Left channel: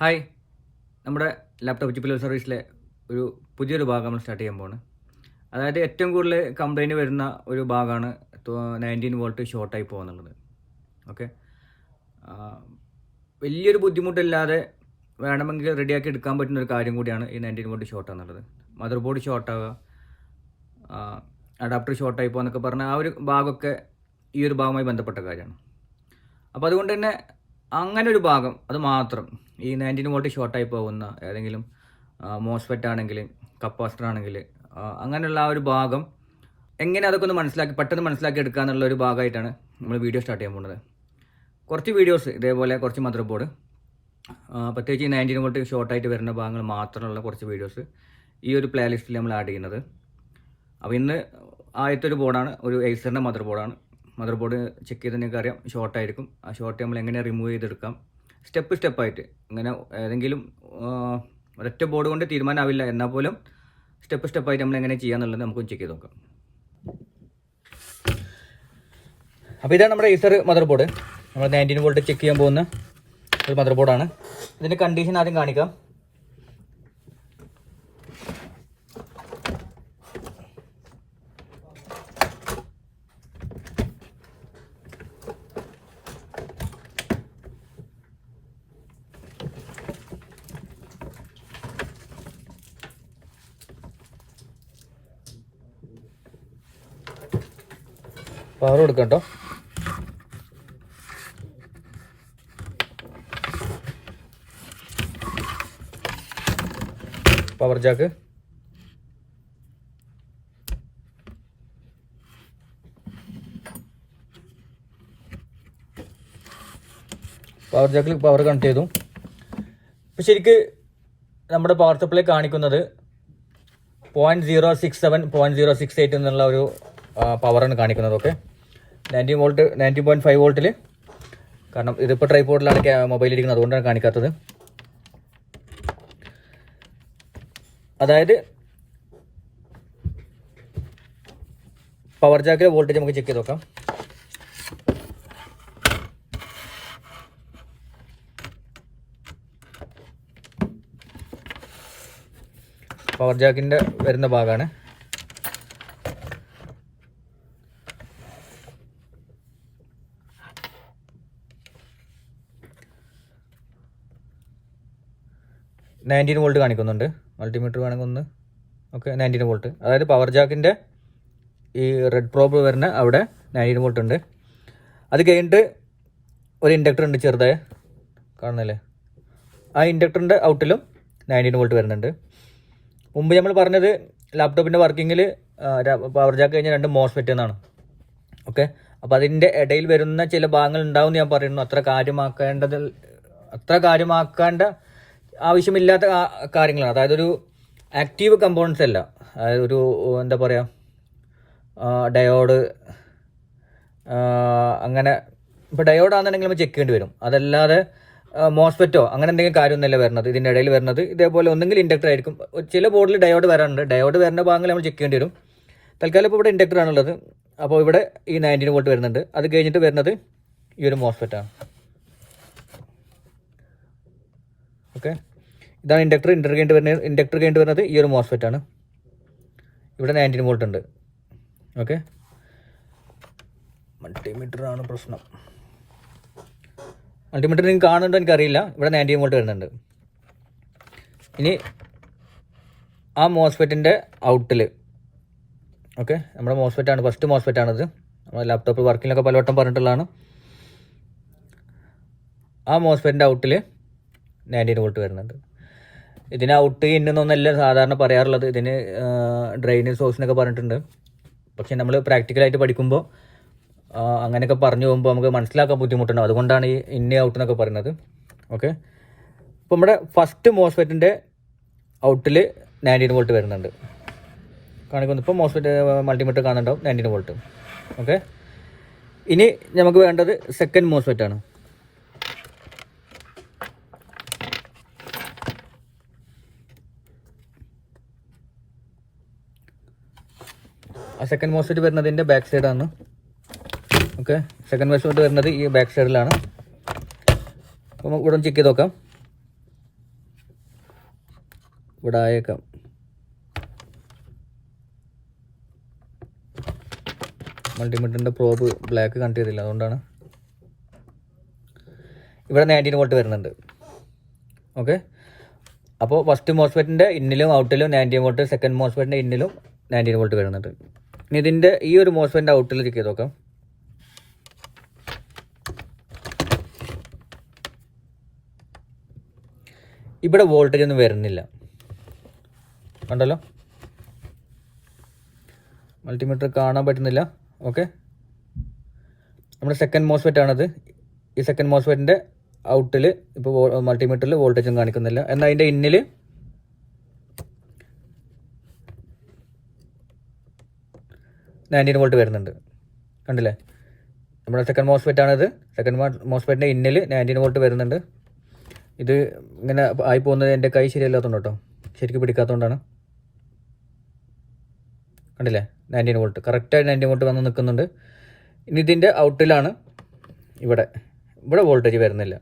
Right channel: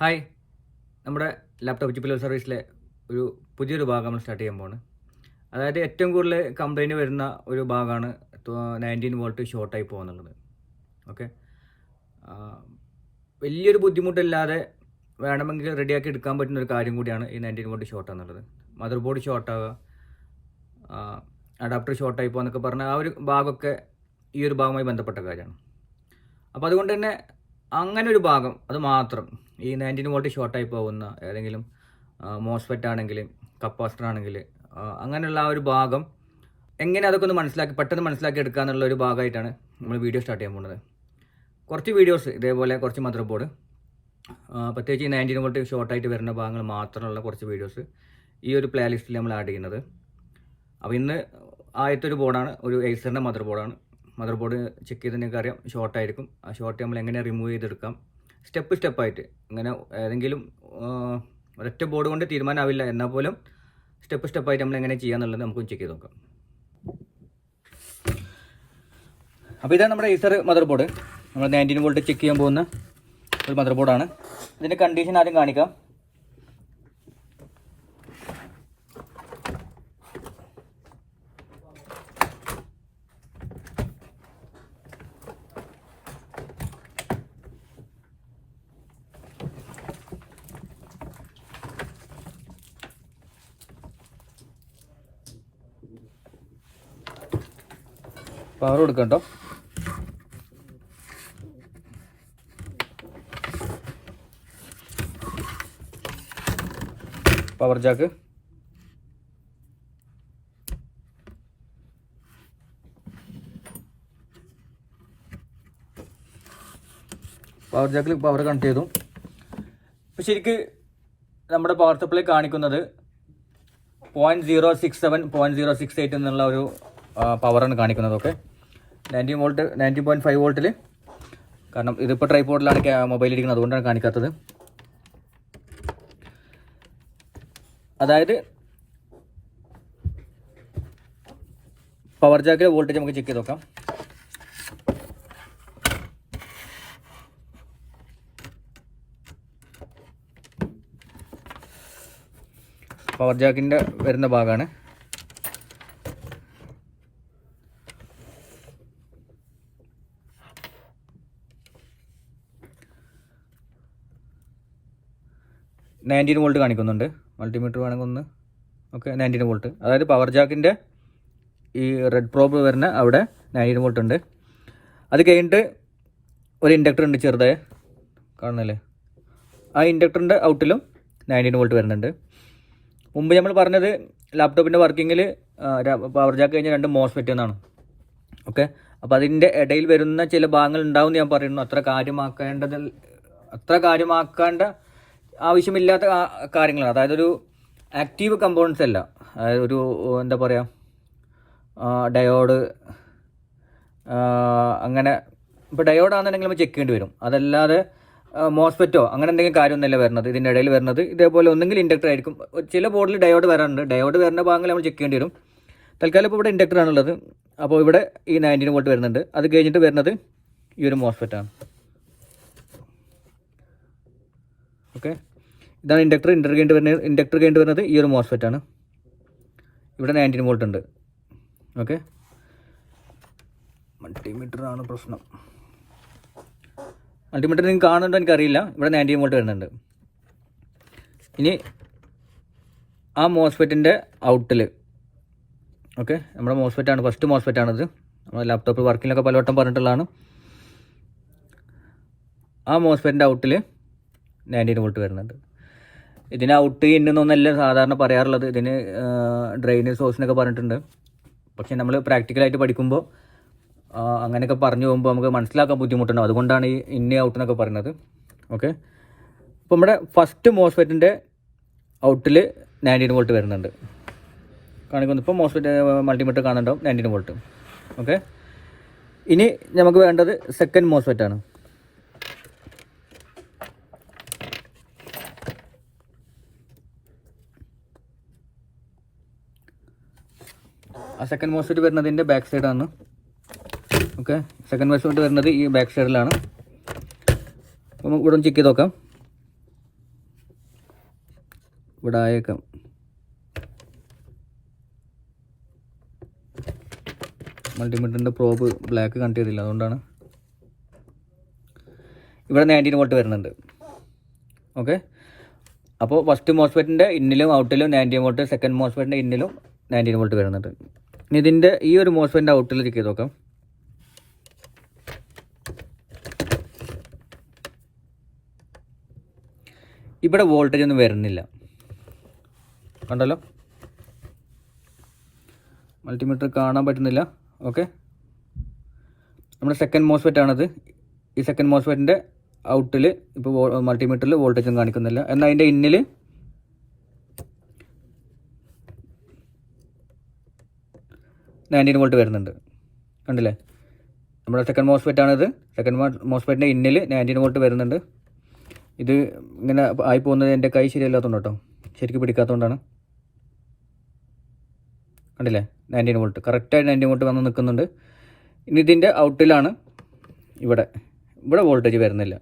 Hi, നമ്മുടെ laptop ചിപ്പിൽ സർവീസിലെ ഒരു പുതിയൊരു ഭാഗം നമ്മൾ സ്റ്റാർട്ട് ചെയ്യാൻ പോവാണ്. അതായത് ഏറ്റവും കൂടുതൽ കംപ്ലൈൻറ്റ് വരുന്ന ഒരു ഭാഗമാണ് 19 വോൾട്ട് ഷോർട്ടായി പോകുന്നുള്ളത്. ഓക്കെ, വലിയൊരു ബുദ്ധിമുട്ടില്ലാതെ വേണമെങ്കിൽ റെഡിയാക്കി എടുക്കാൻ പറ്റുന്ന ഒരു കാര്യം കൂടിയാണ് ഈ 19 വോൾട്ട് ഷോർട്ട് എന്നുള്ളത്. മദർ ബോർഡ് ഷോർട്ടാവുക, അഡാപ്റ്റർ ഷോർട്ടായി പോകുക എന്നൊക്കെ പറഞ്ഞാൽ ആ ഒരു ഭാഗമൊക്കെ ഈ ഒരു ഭാഗവുമായി ബന്ധപ്പെട്ട കാര്യമാണ്. അപ്പോൾ അതുകൊണ്ട് തന്നെ അങ്ങനെ ഒരു ഭാഗം അത് മാത്രം ഈ 19 വോൾട്ട് ഷോർട്ടായി പോകുന്ന ഏതെങ്കിലും മോസ്ഫെറ്റ് ആണെങ്കിൽ, കപ്പാസിറ്റർ ആണെങ്കിൽ, അങ്ങനെയുള്ള ആ ഒരു ഭാഗം എങ്ങനെ അതൊക്കെ ഒന്ന് പെട്ടെന്ന് മനസ്സിലാക്കി എടുക്കുക എന്നുള്ള ഒരു ഭാഗമായിട്ടാണ് നമ്മൾ വീഡിയോ സ്റ്റാർട്ട് ചെയ്യാൻ പോകുന്നത്. കുറച്ച് വീഡിയോസ് ഇതേപോലെ കുറച്ച് മദർ ബോർഡ്, പ്രത്യേകിച്ച് ഈ 19 വോൾട്ട് ഷോർട്ടായിട്ട് വരുന്ന ഭാഗങ്ങൾ മാത്രമുള്ള കുറച്ച് വീഡിയോസ് ഈ ഒരു പ്ലേ ലിസ്റ്റിൽ നമ്മൾ ആഡ് ചെയ്യുന്നത്. അപ്പോൾ ഇന്ന് ആദ്യത്തെ ഒരു ബോർഡാണ്, ഒരു എയ്സറിൻ്റെ മദർ ബോർഡാണ്. മദർ ബോർഡ് ചെക്ക് ചെയ്ത് നിങ്ങൾക്ക് അറിയാം ഷോർട്ടായിരിക്കും. ആ ഷോർട്ട് നമ്മൾ എങ്ങനെ റിമൂവ് ചെയ്തെടുക്കാം, സ്റ്റെപ്പായിട്ട് ഇങ്ങനെ ഏതെങ്കിലും ഒരൊറ്റ ബോർഡ് കൊണ്ട് തീരുമാനമാവില്ല, എന്നാൽ പോലും സ്റ്റെപ്പായിട്ട് നമ്മൾ എങ്ങനെ ചെയ്യാന്നുള്ളത് നമുക്ക് ചെക്ക് ചെയ്ത് നോക്കാം. അപ്പോൾ ഇതാണ് നമ്മുടെ ഏസർ മദർ ബോർഡ്. നമ്മൾ 19 വോൾട്ട് ചെക്ക് ചെയ്യാൻ പോകുന്ന ഒരു മദർ ബോർഡാണ്. ഇതിൻ്റെ കണ്ടീഷൻ ആദ്യം കാണിക്കാം. പവർ കൊടുക്കാം കേട്ടോ. പവർ ജാക്ക്, പവർ ജാക്കിൽ പവർ കണക്ട് ചെയ്തു. ഇപ്പം ശരിക്ക് നമ്മുടെ പവർ സപ്ലൈ കാണിക്കുന്നത് 0.067 0.068 എന്നുള്ള ഒരു പവറാണ് കാണിക്കുന്നത്. ഓക്കെ, 90.5 വോൾട്ടിൽ, കാരണം ഇതിപ്പോൾ ട്രൈപോഡിലാണ് മൊബൈൽ ഇരിക്കുന്നത്, അതുകൊണ്ടാണ് കാണിക്കാത്തത്. അതായത് പവർ ജാക്കിലെ വോൾട്ടേജ് നമുക്ക് ചെക്ക് ചെയ്ത് നോക്കാം. പവർ ജാക്കിൻ്റെ വരുന്ന ഭാഗമാണ്. $19 വോൾട്ട് കാണിക്കുന്നുണ്ട്. മൾട്ടിമീറ്റർ വേണമെങ്കിൽ ഒന്ന്. Okay, 19 volt. അതായത് പവർ ജാക്കിൻ്റെ ഈ റെഡ് പ്രോബ് വരുന്ന അവിടെ 19 വോൾട്ട് ഉണ്ട്. അത് കഴിഞ്ഞിട്ട് ഒരു ഇൻഡക്ടർ ഉണ്ട് ചെറുതായ, കാണുന്നില്ലേ? ആ ഇൻഡക്ടറിൻ്റെ ഔട്ടിലും 19 വോൾട്ട് വരുന്നുണ്ട്. മുമ്പ് നമ്മൾ പറഞ്ഞത് ലാപ്ടോപ്പിൻ്റെ വർക്കിങ്ങിൽ പവർ ജാക്ക് കഴിഞ്ഞാൽ 2 മോസ്ഫെറ്റ് എന്നാണ്. ഓക്കെ, അപ്പോൾ അതിൻ്റെ ഇടയിൽ വരുന്ന ചില ഭാഗങ്ങൾ ഉണ്ടാവും ഞാൻ പറയുന്നു. അത്ര കാര്യമാക്കേണ്ട ആവശ്യമില്ലാത്ത കാര്യങ്ങളാണ്. അതായത് ഒരു ആക്റ്റീവ് കമ്പോണൻസ് അല്ല. അതായത് ഒരു എന്താ പറയുക, ഡയോഡ്, അങ്ങനെ ഇപ്പോൾ ഡയോഡാണെന്നുണ്ടെങ്കിൽ നമ്മൾ ചെക്ക് ചെയ്യേണ്ടി വരും. അതല്ലാതെ മോസ്ഫെറ്റോ അങ്ങനെ എന്തെങ്കിലും കാര്യമൊന്നുമില്ല വരുന്നത്. ഇതിൻ്റെ ഇടയിൽ വരുന്നത് ഇതേപോലെ ഒന്നെങ്കിൽ ഇൻഡക്ടർ ആയിരിക്കും. ചില ബോർഡിൽ ഡയോഡ് വരാറുണ്ട്. ഡയോഡ് വരുന്ന ഭാഗങ്ങൾ നമ്മൾ ചെക്ക് ചെയ്യേണ്ടി വരും. തൽക്കാലം ഇപ്പോൾ ഇവിടെ ഇൻഡക്ടർ ആണുള്ളത്. അപ്പോൾ ഇവിടെ ഈ 19 വോൾട്ട് വരുന്നുണ്ട്. അത് കഴിഞ്ഞിട്ട് വരുന്നത് ഈ ഒരു മോസ്ഫെറ്റാണ്. ഓക്കെ, ഇതാണ് ഇൻഡക്ടർ കഴിഞ്ഞിട്ട് വരുന്നത് ഈ ഒരു മോസ്ഫെറ്റാണ്. ഇവിടെ 19 വോൾട്ട് ഉണ്ട്. ഓക്കെ, മൾട്ടിമീറ്റർ ആണ് പ്രശ്നം. മൾട്ടിമീറ്റർ നിങ്ങൾക്ക് കാണുന്നുണ്ടോ എനിക്കറിയില്ല. ഇവിടെ 19 വോൾട്ട് വരുന്നുണ്ട്. ഇനി ആ മോസ്ഫെറ്റിൻ്റെ ഔട്ടിൽ, ഓക്കെ, നമ്മുടെ മോസ്ഫെറ്റാണ്, ഫസ്റ്റ് മോസ്ഫെറ്റാണിത്. നമ്മുടെ ലാപ്ടോപ്പ് വർക്കിങ്ങിലൊക്കെ പലവട്ടം പറഞ്ഞിട്ടുള്ളതാണ്. ആ മോസ്ഫെറ്റിൻ്റെ ഔട്ടിൽ 19 വോൾട്ട് വരുന്നുണ്ട്. ഇതിന് ഔട്ട് ഇന്നൊന്നല്ല സാധാരണ പറയാറുള്ളത്. ഇതിന് ഡ്രെയിനേജ് സോഴ്സിനൊക്കെ പറഞ്ഞിട്ടുണ്ട്. പക്ഷേ നമ്മൾ പ്രാക്ടിക്കലായിട്ട് പഠിക്കുമ്പോൾ അങ്ങനെയൊക്കെ പറഞ്ഞു പോകുമ്പോൾ നമുക്ക് മനസ്സിലാക്കാൻ ബുദ്ധിമുട്ടുണ്ടാവും. അതുകൊണ്ടാണ് ഈ ഇന്ന ഔട്ട് എന്നൊക്കെ പറയുന്നത്. ഓക്കെ, ഇപ്പോൾ നമ്മുടെ ഫസ്റ്റ് മോസ്ഫെറ്റിൻ്റെ ഔട്ടിൽ 19 വോൾട്ട് വരുന്നുണ്ട് കാണിക്കുന്നു. ഇപ്പോൾ മോസ്ഫെറ്റ് മൾട്ടിമീറ്റർ കാണുന്നുണ്ടാവും 19 വോൾട്ട്. ഓക്കെ, ഇനി നമുക്ക് വേണ്ടത് സെക്കൻഡ് മോസ്ഫെറ്റാണ്. ആ സെക്കൻഡ് മോസ്ഫെറ്റ് വരുന്നതിൻ്റെ ബാക്ക് സൈഡാണ്. ഓക്കെ, സെക്കൻഡ് മോസ്ഫെറ്റ് വരുന്നത് ഈ ബാക്ക് സൈഡിലാണ്. നമുക്ക് ഇവിടെ ചെക്ക് ചെയ്ത് നോക്കാം. ഇവിടെ ആയേക്കാം. മൾട്ടിമീറ്ററിൻ്റെ പ്രോബ് ബ്ലാക്ക് കണക്ട് ചെയ്തില്ല, അതുകൊണ്ടാണ്. ഇവിടെ 19 വോൾട്ട് വരുന്നുണ്ട്. ഓക്കെ, അപ്പോൾ ഫസ്റ്റ് മോസ്ഫെറ്റിൻ്റെ ഇന്നിലും ഔട്ടിലും 19 വോൾട്ട്, സെക്കൻഡ് മോസ്ഫെറ്റിൻ്റെ ഇന്നിലും 19 വോൾട്ട് വരുന്നുണ്ട്. ഇനി ഇതിൻ്റെ ഈ ഒരു മോസ്ഫെറ്റിൻ്റെ ഔട്ടിൽ ചെക്ക് ചെയ്ത് നോക്കാം. ഇവിടെ വോൾട്ടേജ് ഒന്നും വരുന്നില്ല, കണ്ടല്ലോ. മൾട്ടിമീറ്റർ കാണാൻ പറ്റുന്നില്ല. ഓക്കെ, നമ്മുടെ സെക്കൻഡ് മോസ്ഫെറ്റ് ആണത്. ഈ സെക്കൻഡ് മോസ്ഫെറ്റിൻ്റെ ഔട്ടിൽ ഇപ്പോൾ മൾട്ടിമീറ്ററിൽ വോൾട്ടേജും കാണിക്കുന്നില്ല. എന്നാൽ അതിൻ്റെ ഇന്നിൽ വോൾട്ട് വരുന്നുണ്ട്, കണ്ടില്ലേ. നമ്മുടെ സെക്കൻഡ് മോസ്ഫെറ്റ് ആണിത്. സെക്കൻഡ് മോസ്ഫെറ്റിൻ്റെ ഇന്നിൽ 19 വോൾട്ട് വരുന്നുണ്ട്. ഇത് ഇങ്ങനെ ആയി പോകുന്നത് എൻ്റെ കൈ ശരിയല്ലാത്തതുകൊണ്ട് കേട്ടോ, ശരിക്കും പിടിക്കാത്തതുകൊണ്ടാണ്. കണ്ടില്ലേ, 19 വോൾട്ട് കറക്റ്റായി 19 വോൾട്ട് വന്ന് നിൽക്കുന്നുണ്ട്. ഇനി ഇതിൻ്റെ ഔട്ടിലാണ് ഇവിടെ വോൾട്ടേജ് വരുന്നില്ല,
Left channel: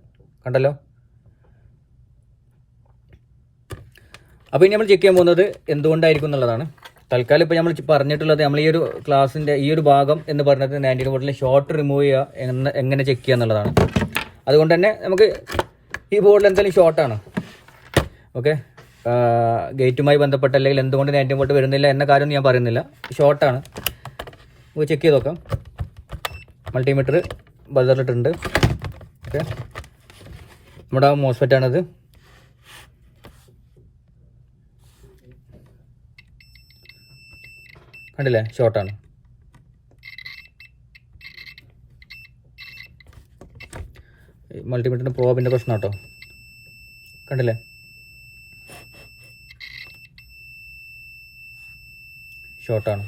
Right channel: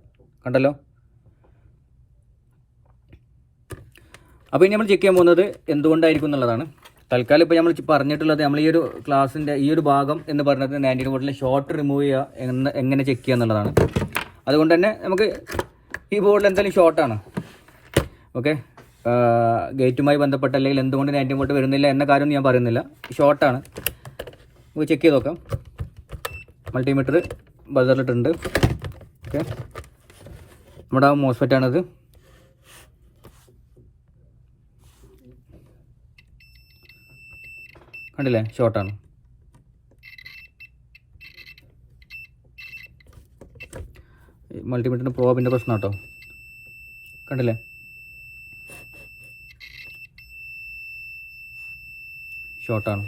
കണ്ടല്ലോ. അപ്പോൾ ഇനി നമ്മൾ ചെക്ക് ചെയ്യാൻ പോകുന്നത് എന്തുകൊണ്ടായിരിക്കും എന്നുള്ളതാണ്. തൽക്കാലം ഇപ്പോൾ നമ്മൾ പറഞ്ഞിട്ടുള്ളത്, നമ്മൾ ഈ ഒരു ക്ലാസ്സിൻ്റെ ഈ ഒരു ഭാഗം എന്ന് പറഞ്ഞത് 19 വോൾട്ടിലെ ഷോർട്ട് റിമൂവ് ചെയ്യുക എങ്ങനെ ചെക്ക് ചെയ്യുക എന്നുള്ളതാണ്. അതുകൊണ്ട് തന്നെ നമുക്ക് ഈ ബോർഡിൽ എന്തായാലും ഷോർട്ടാണ്. ഓക്കെ, ഗേറ്റുമായി ബന്ധപ്പെട്ട അല്ലെങ്കിൽ എന്തുകൊണ്ട് 19 വോൾട്ട് വരുന്നില്ല എന്ന കാര്യം ഞാൻ പറയുന്നില്ല, ഷോർട്ടാണ്. നമുക്ക് ചെക്ക് ചെയ്ത് നോക്കാം. മൾട്ടിമീറ്റർ ബസറിലിട്ടുണ്ട്. ഓക്കെ, നമ്മുടെ മോസ്ഫെറ്റാണിത്. കണ്ടില്ലേ, ഷോർട്ടാണ്. മൾട്ടിമീറ്ററിൻ്റെ പ്രോബിൻ്റെ പ്രശ്നം കേട്ടോ, കണ്ടില്ലേ. ഷോർട്ടാണ്.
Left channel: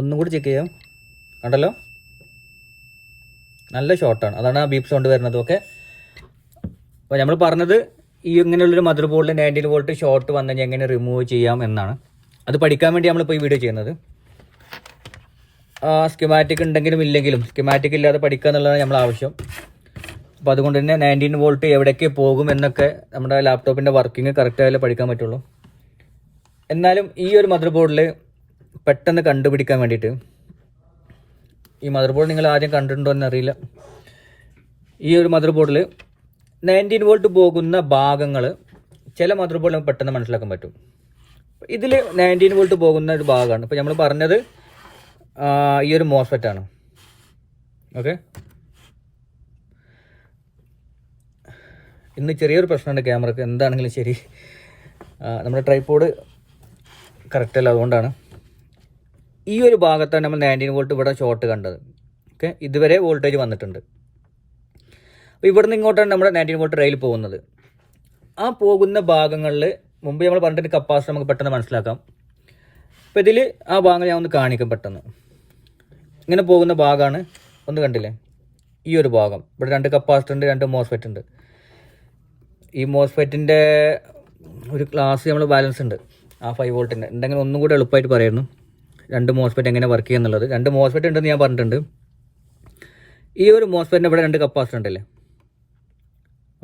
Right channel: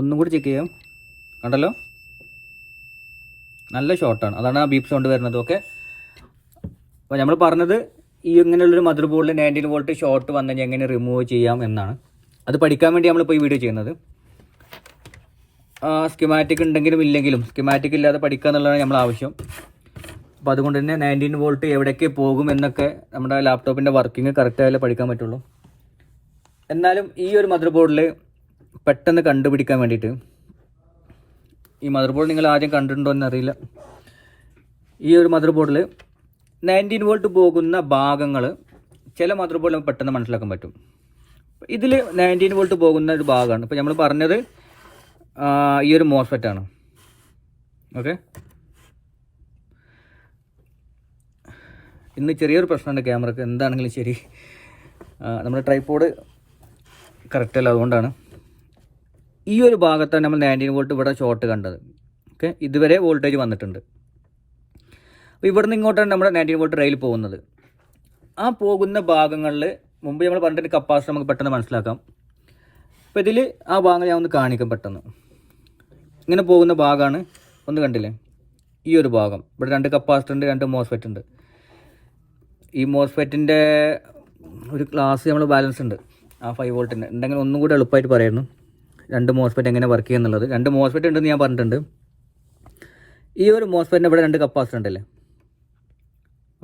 ഒന്നും കൂടി ചെക്ക് ചെയ്യാം, കണ്ടല്ലോ, നല്ല ഷോർട്ടാണ്. അതാണ് ആ ബീപ്പ് സൗണ്ട് വരുന്നത്. ഓക്കെ, അപ്പോൾ നമ്മൾ പറഞ്ഞത് ഈ ഇങ്ങനെയുള്ളൊരു മദർ ബോർഡിൽ 19 വോൾട്ട് ഷോർട്ട് വന്നു കഴിഞ്ഞാൽ എങ്ങനെ റിമൂവ് ചെയ്യാം എന്നാണ്. അത് പഠിക്കാൻ വേണ്ടി നമ്മളിപ്പോൾ ഈ വീഡിയോ ചെയ്യുന്നത്. സ്കിമാറ്റിക് ഉണ്ടെങ്കിലും ഇല്ലെങ്കിലും സ്കിമാറ്റിക് ഇല്ലാതെ പഠിക്കുക എന്നുള്ളതാണ് നമ്മൾ ആവശ്യം. അപ്പോൾ അതുകൊണ്ട് തന്നെ 19 വോൾട്ട് എവിടേക്ക് പോകും എന്നൊക്കെ നമ്മുടെ ലാപ്ടോപ്പിൻ്റെ വർക്കിംഗ് കറക്റ്റായാലേ പഠിക്കാൻ പറ്റുള്ളൂ. എന്നാലും ഈ ഒരു മദർ ബോർഡിൽ പെട്ടെന്ന് കണ്ടുപിടിക്കാൻ വേണ്ടിയിട്ട്, ഈ മദർ ബോർഡ് നിങ്ങൾ ആദ്യം കണ്ടിട്ടുണ്ടോ എന്നറിയില്ല. ഈ ഒരു മദർ ബോർഡിൽ 19 വോൾട്ട് പോകുന്ന ഭാഗങ്ങൾ ചില മദർ ബോർഡിൽ നമുക്ക് പെട്ടെന്ന് മനസ്സിലാക്കാൻ പറ്റും. ഇതിൽ 19 വോൾട്ട് പോകുന്ന ഒരു ഭാഗമാണ്. ഇപ്പോൾ നമ്മൾ പറഞ്ഞത് ഈ ഒരു മോസ്ഫെറ്റാണ്. ഓക്കെ, ഇന്ന് ചെറിയൊരു പ്രശ്നമുണ്ട് ക്യാമറക്ക്, എന്താണെങ്കിലും ശരി. നമ്മുടെ ട്രൈപോഡ് കറക്റ്റ് അല്ല, അതുകൊണ്ടാണ്. ഈ ഒരു ഭാഗത്താണ് നമ്മൾ 19 വോൾട്ട് ഇവിടെ ഷോർട്ട് കണ്ടത്. ഓക്കെ, ഇതുവരെ വോൾട്ടേജ് വന്നിട്ടുണ്ട്. അപ്പോൾ ഇവിടെ നിന്ന് ഇങ്ങോട്ടാണ് നമ്മുടെ 19 വോൾട്ട് റെയിൽ പോകുന്നത്. ആ പോകുന്ന ഭാഗങ്ങളിൽ മുമ്പ് നമ്മൾ പറഞ്ഞിട്ട് കപ്പാസിറ്റർ നമുക്ക് പെട്ടെന്ന് മനസ്സിലാക്കാം. അപ്പോൾ ഇതിൽ ആ ഭാഗങ്ങൾ ഞാൻ ഒന്ന് കാണിക്കാം പെട്ടെന്ന്. ഇങ്ങനെ പോകുന്ന ഭാഗമാണ്, ഒന്ന് കണ്ടില്ലേ, ഈ ഒരു ഭാഗം. ഇവിടെ 2 കപ്പാസിറ്റർ ഉണ്ട്, 2 മോസ്ഫെറ്റ് ഉണ്ട്. ഈ മോസ്ഫെറ്റിൻ്റെ ഒരു ക്ലാസ് നമ്മൾ ബാലൻസ് ഉണ്ട്, ആ 5 വോൾട്ടിൻ്റെ ഉണ്ടെങ്കിൽ ഒന്നും കൂടി എളുപ്പമായിട്ട് പറയായിരുന്നു 2 മോസ്ഫെറ്റ് എങ്ങനെ വർക്ക് ചെയ്യുക എന്നുള്ളത്. 2 മോസ്ഫെറ്റ് ഉണ്ടെന്ന് ഞാൻ പറഞ്ഞിട്ടുണ്ട്. ഈ ഒരു മോസ്ഫെറ്റിന് ഇവിടെ 2 കപ്പാസിറ്റർ ഉണ്ടല്ലേ.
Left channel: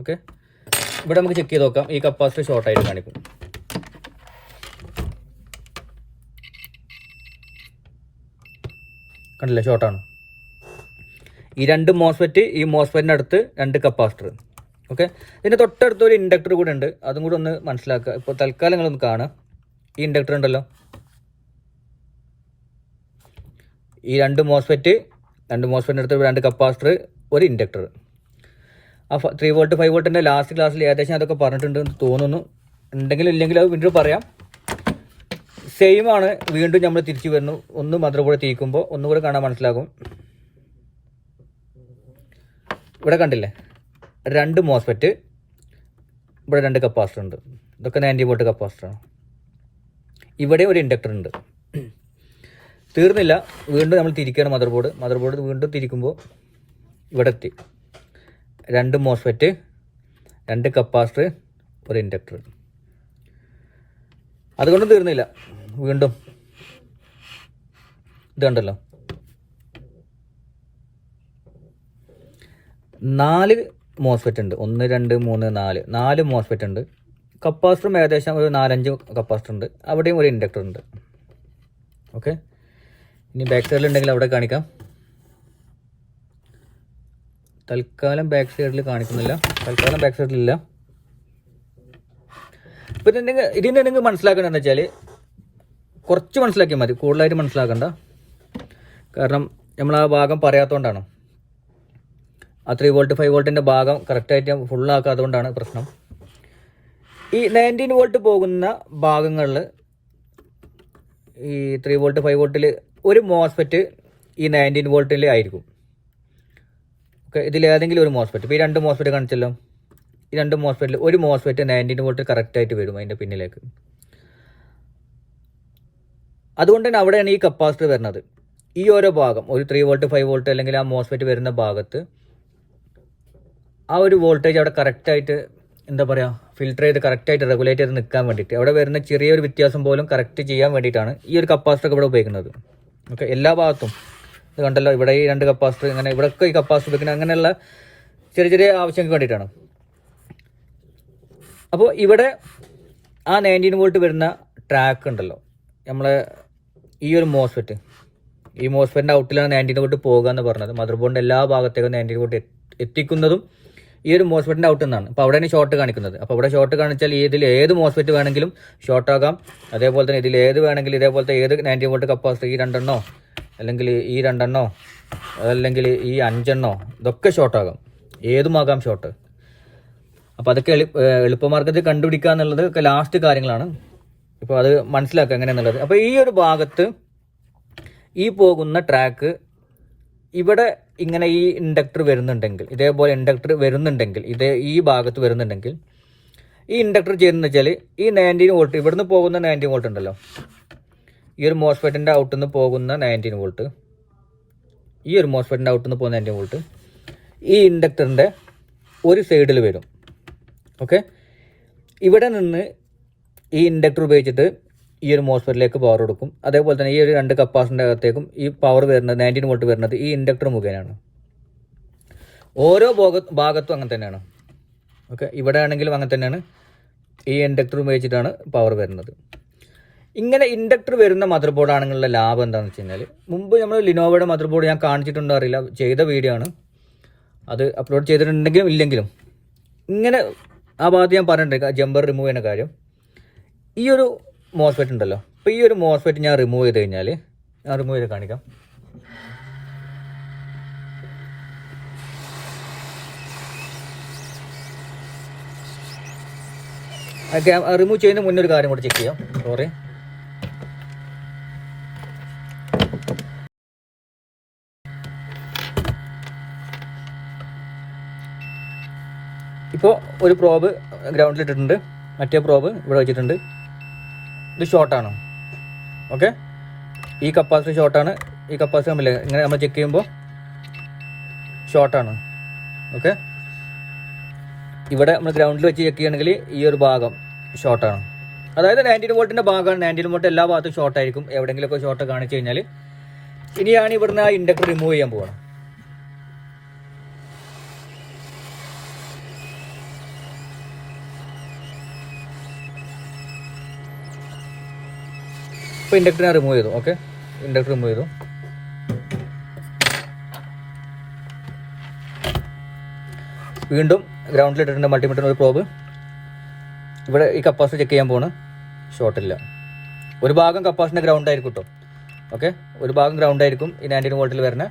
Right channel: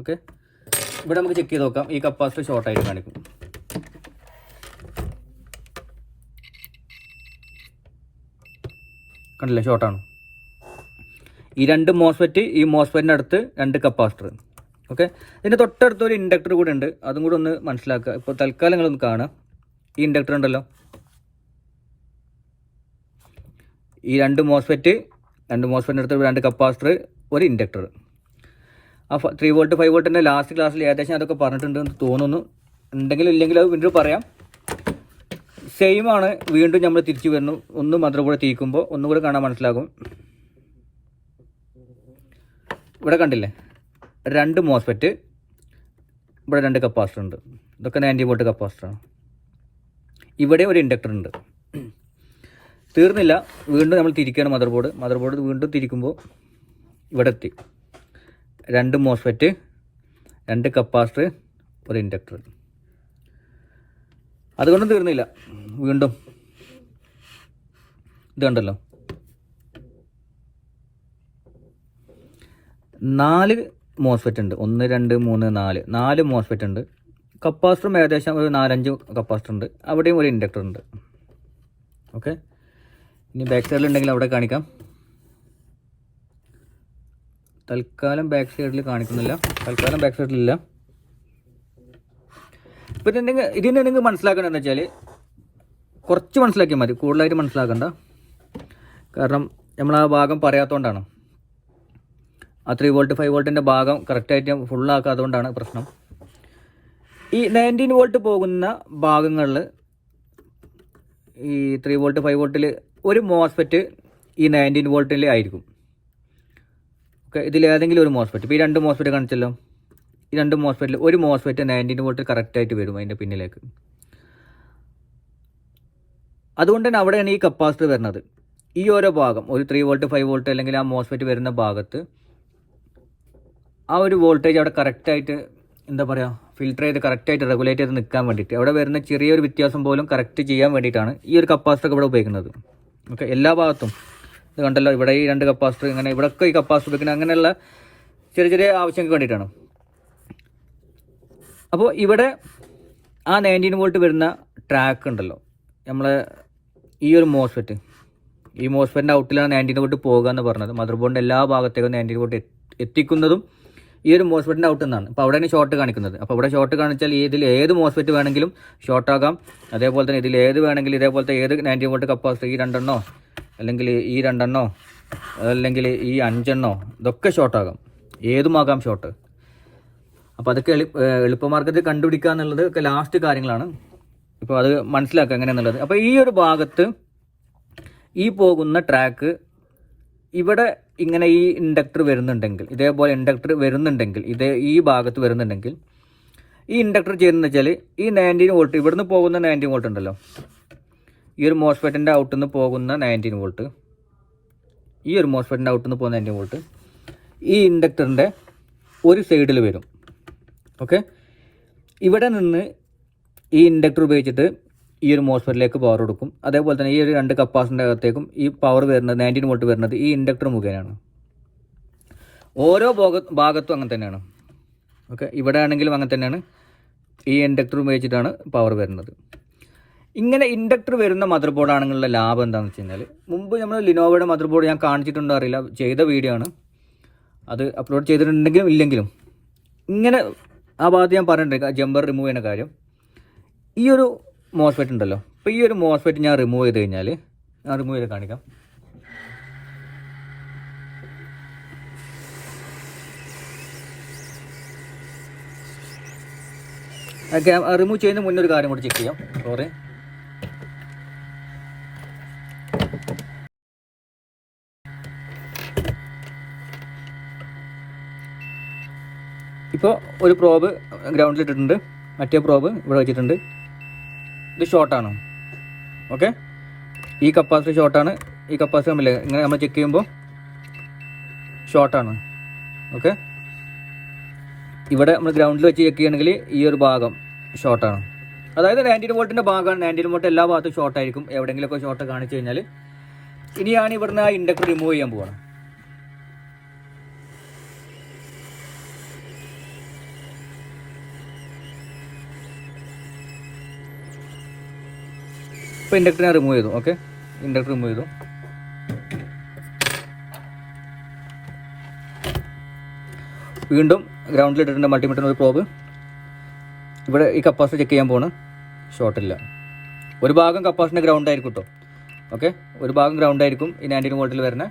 ഓക്കെ, ഇവിടെ നമുക്ക് ചെക്ക് ചെയ്ത് നോക്കാം. ഈ കപ്പാസിറ്റർ ഷോർട്ടായിട്ട് കാണിക്കും. കണ്ടില്ലേ, ഷോർട്ടാണ്. ഈ 2 മോസ്ഫെറ്റ്, ഈ മോസ്ഫെറ്റിൻ്റെ അടുത്ത് 2 കപ്പാസിറ്റർ. ഓക്കെ, ഇതിൻ്റെ തൊട്ടടുത്ത് ഒരു ഇൻഡക്ടർ കൂടെ ഉണ്ട്, അതും കൂടെ ഒന്ന് മനസ്സിലാക്കുക. ഇപ്പോൾ തൽക്കാലം നിങ്ങളൊന്ന് കാണുക. ഈ ഇൻഡക്ടർ ഉണ്ടല്ലോ, ഈ 2 മോസ്ഫെറ്റിൻ്റെ അടുത്ത് 2 കപ്പാസിറ്റർ, ഒരു ഇൻഡക്ടർ. ആ 3 വോൾട്ട് 5 വോൾട്ടിൻ്റെ ലാസ്റ്റ് ക്ലാസ്സിൽ ഏകദേശം അതൊക്കെ പറഞ്ഞിട്ടുണ്ട് എന്ന് തോന്നുന്നു. ഉണ്ടെങ്കിലും ഇല്ലെങ്കിലും അത് വീണ്ടും പറയാം. സെയിം ആണ്. വീണ്ടും നമ്മൾ തിരിച്ചു വരുന്നു. ഒന്ന് മദർ ബോർഡ് തിരിക്കുമ്പോൾ ഒന്നുകൂടെ കാണാൻ മനസ്സിലാകും. ഇവിടെ കണ്ടില്ലേ, 2 മോസ്ഫെറ്റ്, ഇവിടെ 2 കപ്പാസിറ്റർ ഉണ്ട്. ഇതൊക്കെ 90 വോൾട്ട് കപ്പാസിറ്ററാണ്. ഇവിടെ ഒരു ഇൻഡക്ടർ ഉണ്ട്. തീർന്നില്ല, വീണ്ടും നമ്മൾ തിരിക്കുകയാണ് മദർ ബോർഡ് വീണ്ടും തിരിക്കുമ്പോൾ ഇവിടെ എത്തി. 2 മോസ്ഫെറ്റ്, 2 കപ്പാസിറ്റർ, ഒരു ഇൻഡക്ടർ. അതുകൊണ്ടും തീർന്നില്ല, വീണ്ടും ഇതുണ്ടല്ലോ, 4 മോസ്ഫെറ്റ് ഉണ്ട്. 1 2 3 4 മോസ്ഫെറ്റ് ഉണ്ട്. കപ്പാസിറ്ററും ഏകദേശം ഒരു 4-5 കപ്പാസിറ്റർ ഉണ്ട്, അവിടെയും ഒരു ഇൻഡക്ടർ ഉണ്ട്. ഓക്കെ, ഇനി ബാക്ക് സൈഡിലുണ്ടെങ്കിൽ അവിടെ കാണിക്കാം. തൽക്കാലം ബാക്ക് സൈഡിൽ കാണിക്കുന്നില്ല, തൽക്കാലം ബാക്ക് സൈഡിലില്ല. ഇപ്പം ഇതിന് നിങ്ങൾ മനസ്സിലാക്കേണ്ടതെന്ന് വെച്ചാൽ കുറച്ച് മനസ്സിലാക്കിയാൽ മതി, കൂടുതലായിട്ട് മനസ്സിലാക്കണ്ട. കാരണം നമ്മൾ ആ ഭാഗം പറയാത്തതുകൊണ്ടാണ്, ആ 3 വോൾട്ട് 5 വോൾട്ടിൻ്റെ ഭാഗം കറക്റ്റായിട്ട് ഫുള്ളാക്കാത്തതുകൊണ്ടാണ് പ്രശ്നം. ഈ 19 വോൾട്ട് പോകുന്ന ഭാഗങ്ങളിൽ ഈ 3 വോൾട്ട് 5 വോൾട്ടിൽ ഒരു മോസ്ഫെറ്റ് ഈ 19 വോൾട്ടിൽ ആയിരിക്കും. ഓക്കെ, ഇതിലേതെങ്കിലും ഒരു മോസ്ഫെറ്റ്, ഇപ്പോൾ ഈ 2 മോസ്ഫെറ്റ് കാണിച്ചല്ലോ, ഈ 2 മോസ്ഫെറ്റിൽ ഒരു മോസ്ഫെറ്റ് 19 വോൾട്ട് കറക്റ്റായിട്ട് വരും അതിൻ്റെ പിന്നിലേക്ക്. അതുകൊണ്ട് തന്നെ അവിടെയാണ് ഈ കപ്പാസിറ്റർ വരുന്നത്. ഈ ഓരോ ഭാഗം ഒരു 3 വോൾട്ട് 5 വോൾട്ട് അല്ലെങ്കിൽ ആ മോസ്ഫെറ്റ് വരുന്ന ഭാഗത്ത് ആ ഒരു വോൾട്ടേജ് അവിടെ കറക്റ്റായിട്ട് എന്താ പറയുക, ഫിൽറ്റർ ചെയ്ത് കറക്റ്റായിട്ട് റെഗുലേറ്റ് ചെയ്ത് നിൽക്കാൻ വേണ്ടിയിട്ട്, അവിടെ വരുന്ന ചെറിയൊരു വ്യത്യാസം പോലും കറക്റ്റ് ചെയ്യാൻ വേണ്ടിയിട്ടാണ് ഈ ഒരു കപ്പാസിറ്റർ ഇവിടെ ഉപയോഗിക്കുന്നത്. ഓക്കെ, എല്ലാ ഭാഗത്തും ഇത് കണ്ടല്ലോ, ഇവിടെ ഈ 2 കപ്പാസിറ്റർ, ഇങ്ങനെ ഇവിടെയൊക്കെ ഈ കപ്പാസിറ്റർ ഉപയോഗിക്കുന്നത് അങ്ങനെയുള്ള ചെറിയ ചെറിയ ആവശ്യങ്ങൾക്ക് വേണ്ടിയിട്ടാണ്. അപ്പോൾ ഇവിടെ ആ 19 വോൾട്ട് വരുന്ന ട്രാക്ക് ഉണ്ടല്ലോ, നമ്മളെ ഈ ഒരു മോസ്ഫെറ്റ്, ഈ മോസ്ഫെറ്റിൻ്റെ ഔട്ടിലാണ് 19 വോൾട്ട് പോകുക എന്ന് പറഞ്ഞത്. മദർ ബോർഡിൻ്റെ എല്ലാ ഭാഗത്തേക്കും 19 വോൾട്ട് എത്തിക്കുന്നതും ഈ ഒരു മോസ്ഫെറ്റിൻ്റെ ഔട്ട് എന്നാണ്. അപ്പോൾ അവിടെയാണ് ഷോർട്ട് കാണിക്കുന്നത്. അപ്പോൾ ഇവിടെ ഷോർട്ട് കാണിച്ചാൽ ഇതിൽ ഏത് മോസ്ഫെറ്റ് വേണമെങ്കിലും ഷോർട്ട് ആകാം. അതേപോലെ തന്നെ ഇതിൽ ഏത് വേണമെങ്കിലും ഇതേപോലത്തെ ഏത് 19 വോൾട്ട് കപ്പാസിറ്റർ, ഈ 2 എണ്ണോ അല്ലെങ്കിൽ ഈ 2 എണ്ണോ അതല്ലെങ്കിൽ ഈ 5 എണ്ണോ, ഇതൊക്കെ ഷോർട്ടാകാം, ഏതുമാകാം ഷോർട്ട്. അപ്പോൾ അതൊക്കെ എളുപ്പമാർഗത്തിൽ കണ്ടുപിടിക്കുക എന്നുള്ളത് ഒക്കെ ലാസ്റ്റ് കാര്യങ്ങളാണ്. ഇപ്പോൾ അത് മനസ്സിലാക്കുക എങ്ങനെയാണെന്നുള്ളത്. അപ്പോൾ ഈ ഒരു ഭാഗത്ത് ഈ പോകുന്ന ട്രാക്ക് ഇവിടെ ഇങ്ങനെ ഈ ഇൻഡക്ടർ വരുന്നുണ്ടെങ്കിൽ, ഇതേപോലെ ഇൻഡക്ടർ വരുന്നുണ്ടെങ്കിൽ, ഈ ഭാഗത്ത് വരുന്നുണ്ടെങ്കിൽ ഈ ഇൻഡക്ടർ ചെയ്യുന്നതെന്ന് വെച്ചാൽ ഈ 19 വോൾട്ട് ഇവിടുന്ന് പോകുന്ന 19 വോൾട്ട് ഉണ്ടല്ലോ, ഈ ഒരു മോസ്ഫെറ്റിൻ്റെ ഔട്ടിൽ നിന്ന് പോകുന്ന 19 വോൾട്ട്, ഈ ഒരു മോസ്ഫെറ്റിൻ്റെ ഔട്ടിൽ നിന്ന് പോകുന്ന 19 വോൾട്ട് ഈ ഇൻഡക്ടറിൻ്റെ ഒരു സൈഡിൽ വരും. ഓക്കെ, ഇവിടെ നിന്ന് ഈ ഇൻഡക്ടർ ഉപയോഗിച്ചിട്ട് ഈ ഒരു മോസ്ഫെറ്റിലേക്ക് പവർ കൊടുക്കും. അതേപോലെ തന്നെ ഈ ഒരു 2 കപ്പാസിറ്ററിൻ്റെ അകത്തേക്കും ഈ പവർ വരുന്നത് 19 വോൾട്ട് വരുന്നത് ഈ ഇൻഡക്ടർ മുഖേനയാണ്. ഓരോ ഭാഗത്തും അങ്ങനെ തന്നെയാണ്. ഓക്കെ, ഇവിടെ ആണെങ്കിലും അങ്ങനെ തന്നെയാണ്, ഈ ഇൻഡക്ടർ ഉപയോഗിച്ചിട്ടാണ് പവർ വരുന്നത്. ഇങ്ങനെ ഇൻഡക്ടർ വരുന്ന മദർ ബോർഡ് ആണെങ്കിലുള്ള ലാഭം എന്താണെന്ന് വെച്ച് കഴിഞ്ഞാൽ, മുമ്പ് നമ്മൾ ലിനോവയുടെ മദർ ബോർഡ് ഞാൻ കാണിച്ചിട്ടുണ്ടോ അറിയില്ല, ചെയ്ത വീഡിയോ ആണ്, അത് അപ്ലോഡ് ചെയ്തിട്ടുണ്ടെങ്കിലും ഇല്ലെങ്കിലും ഇങ്ങനെ ആ ഭാഗത്ത് ഞാൻ പറഞ്ഞിട്ടുണ്ട് ജമ്പർ റിമൂവ് ചെയ്യുന്ന കാര്യം. ഈ ഒരു മോസ്ഫെറ്റ് ഉണ്ടല്ലോ, അപ്പോൾ ഈ ഒരു മോസ്ഫെറ്റ് ഞാൻ റിമൂവ് ചെയ്ത് കഴിഞ്ഞാൽ, ഞാൻ റിമൂവ് ചെയ്ത് കാണിക്കാം. റിമൂവ് ചെയ്യുന്ന മുന്നേ ഒരു കാര്യം കൂടി ചെക്ക് ചെയ്യാം. സോറി, ഇപ്പോൾ ഒരു പ്രോബ് ഗ്രൗണ്ടിൽ ഇട്ടിട്ടുണ്ട്, മറ്റേ പ്രോബ് ഇവിടെ വെച്ചിട്ടുണ്ട്. ഇത് ഷോർട്ടാണ്. ഓക്കെ, ഈ കപ്പാസിറ്റർ ഷോർട്ടാണ്, ഈ കപ്പാസിറ്റർ തമ്മിൽ ഇങ്ങനെ നമ്മൾ ചെക്ക് ചെയ്യുമ്പോൾ ഷോർട്ടാണ്. ഓക്കെ, ഇവിടെ നമ്മൾ ഗ്രൗണ്ടിൽ വെച്ച് ചെക്ക് ചെയ്യണമെങ്കിൽ ഈ ഒരു ഭാഗം ഷോർട്ടാണ്. അതായത് 19 വോൾട്ടിൻ്റെ ഭാഗമാണ്. 19 വോൾട്ട് എല്ലാ ഭാഗത്തും ഷോർട്ടായിരിക്കും. എവിടെയെങ്കിലുമൊക്കെ ഷോർട്ട് കാണിച്ചു കഴിഞ്ഞാൽ ഇനിയാണ് ഇവിടുന്ന് ആ ഇൻഡക്ടർ റിമൂവ് ചെയ്യാൻ പോവുകയാണ്. ഇപ്പോൾ ഇൻഡക്ടറിനെ റിമൂവ് ചെയ്തു. ഓക്കെ, ഇൻഡക്ടർ റിമൂവ് ചെയ്തു. വീണ്ടും ഗ്രൗണ്ടിൽ ഇട്ടിട്ടുണ്ട് മൾട്ടിമീറ്റർ ഒരു പ്രോബ്. ഇവിടെ ഈ കപ്പാസിറ്റി ചെക്ക് ചെയ്യാൻ പോണ്, ഷോർട്ടില്ല. ഒരു ഭാഗം കപ്പാസിറ്റിൻ്റെ ഗ്രൗണ്ട് ആയിരിക്കും കേട്ടോ. ഓക്കെ, ഒരു ഭാഗം ഗ്രൗണ്ട് ആയിരിക്കും ഈ 19 വോൾട്ടിൽ വരുന്ന,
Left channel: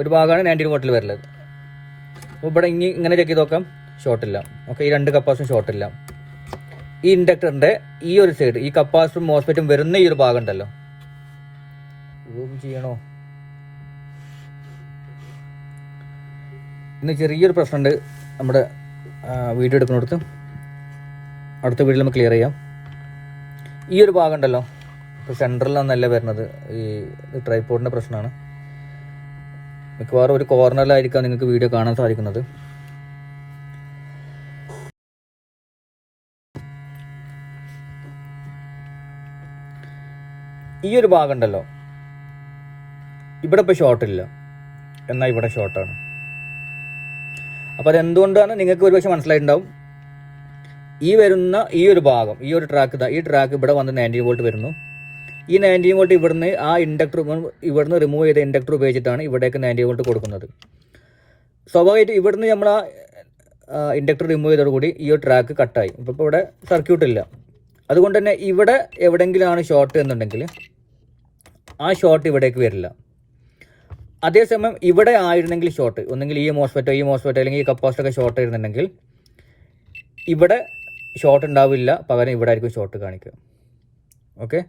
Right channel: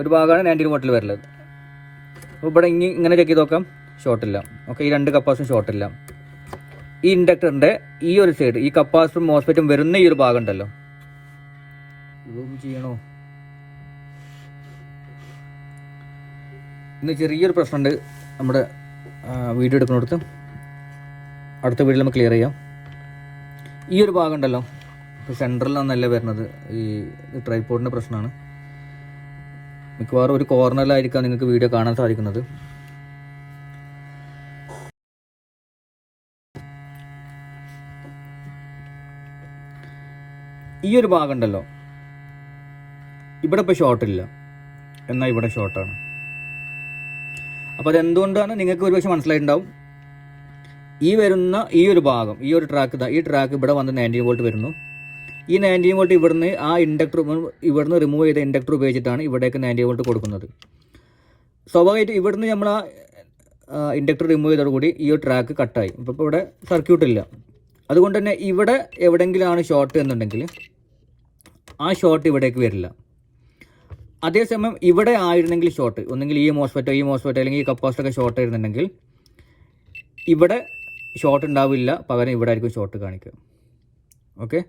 ഒരു ഭാഗമാണ് 19 വോൾട്ടിൽ വരുന്നത്. അപ്പോൾ ഇവിടെ ഇങ്ങനെ ചെക്ക് ചെയ്ത് നോക്കാം, ഷോർട്ടില്ല. ഓക്കെ, ഈ 2 കപ്പാസിറ്റും ഷോർട്ടില്ല. ഈ ഇൻഡക്ടറിൻ്റെ ഈ ഒരു സൈഡ്, ഈ കപ്പാസിറ്ററും മോസ്ഫെറ്റും വരുന്ന ഈ ഒരു ഭാഗം ഉണ്ടല്ലോ, സൂം ചെയ്യണോ? ഇന്ന് ചെറിയൊരു പ്രശ്നമുണ്ട് നമ്മുടെ വീഡിയോ എടുക്കുന്നിടത്ത്, അടുത്ത വീഡിയോയിൽ നമുക്ക് ക്ലിയർ ചെയ്യാം. ഈ ഒരു ഭാഗം ഉണ്ടല്ലോ, ഇപ്പോൾ സെൻട്രലിലൊന്നല്ല വരുന്നത്, ഈ ട്രൈപോഡിൻ്റെ പ്രശ്നമാണ്. മിക്കവാറും ഒരു കോർണറിലായിരിക്കാം നിങ്ങൾക്ക് വീഡിയോ കാണാൻ സാധിക്കുന്നത്. ഈ ഒരു ഭാഗം ഉണ്ടല്ലോ, ഇവിടെ ഇപ്പോൾ ഷോർട്ടില്ല, എന്നാൽ ഇവിടെ ഷോർട്ടാണ്. അപ്പോൾ അതെന്തുകൊണ്ടാണ് നിങ്ങൾക്ക് ഒരുപക്ഷെ മനസ്സിലായിട്ടുണ്ടാവും. ഈ വരുന്ന ഈ ഒരു ഭാഗം, ഈ ഒരു ട്രാക്ക്, ഈ ട്രാക്ക് ഇവിടെ വന്ന് 19 വോൾട്ട് വരുന്നു. ഈ 19 വോൾട്ട് ഇവിടുന്ന് ആ ഇൻഡക്ടർ ഇവിടുന്ന് റിമൂവ് ചെയ്ത ഇൻഡക്ടർ ഉപയോഗിച്ചിട്ടാണ് ഇവിടേക്ക് 90 വോൾട്ട് കൊടുക്കുന്നത്. സ്വാഭാവികമായിട്ട് ഇവിടുന്ന് നമ്മൾ ആ ഇൻഡക്ടർ റിമൂവ് ചെയ്തതോടുകൂടി ഈ ഒരു ട്രാക്ക് കട്ടായി. ഇപ്പോൾ ഇവിടെ സർക്യൂട്ടില്ല. അതുകൊണ്ട് തന്നെ ഇവിടെ എവിടെയെങ്കിലാണ് ഷോർട്ട് എന്നുണ്ടെങ്കിൽ ആ ഷോർട്ട് ഇവിടേക്ക് വരില്ല. അതേസമയം ഇവിടെ ആയിരുന്നെങ്കിൽ ഷോർട്ട്, ഒന്നെങ്കിൽ ഈ മോസ്ഫെറ്റോ അല്ലെങ്കിൽ ഈ കപ്പാസിറ്ററൊക്കെ ഷോർട്ട് ആയിരുന്നുണ്ടെങ്കിൽ ഇവിടെ ഷോർട്ട് ഉണ്ടാവില്ല, പകരം ഇവിടെ ആയിരിക്കും ഷോർട്ട് കാണിക്കുക. ഓക്കെ,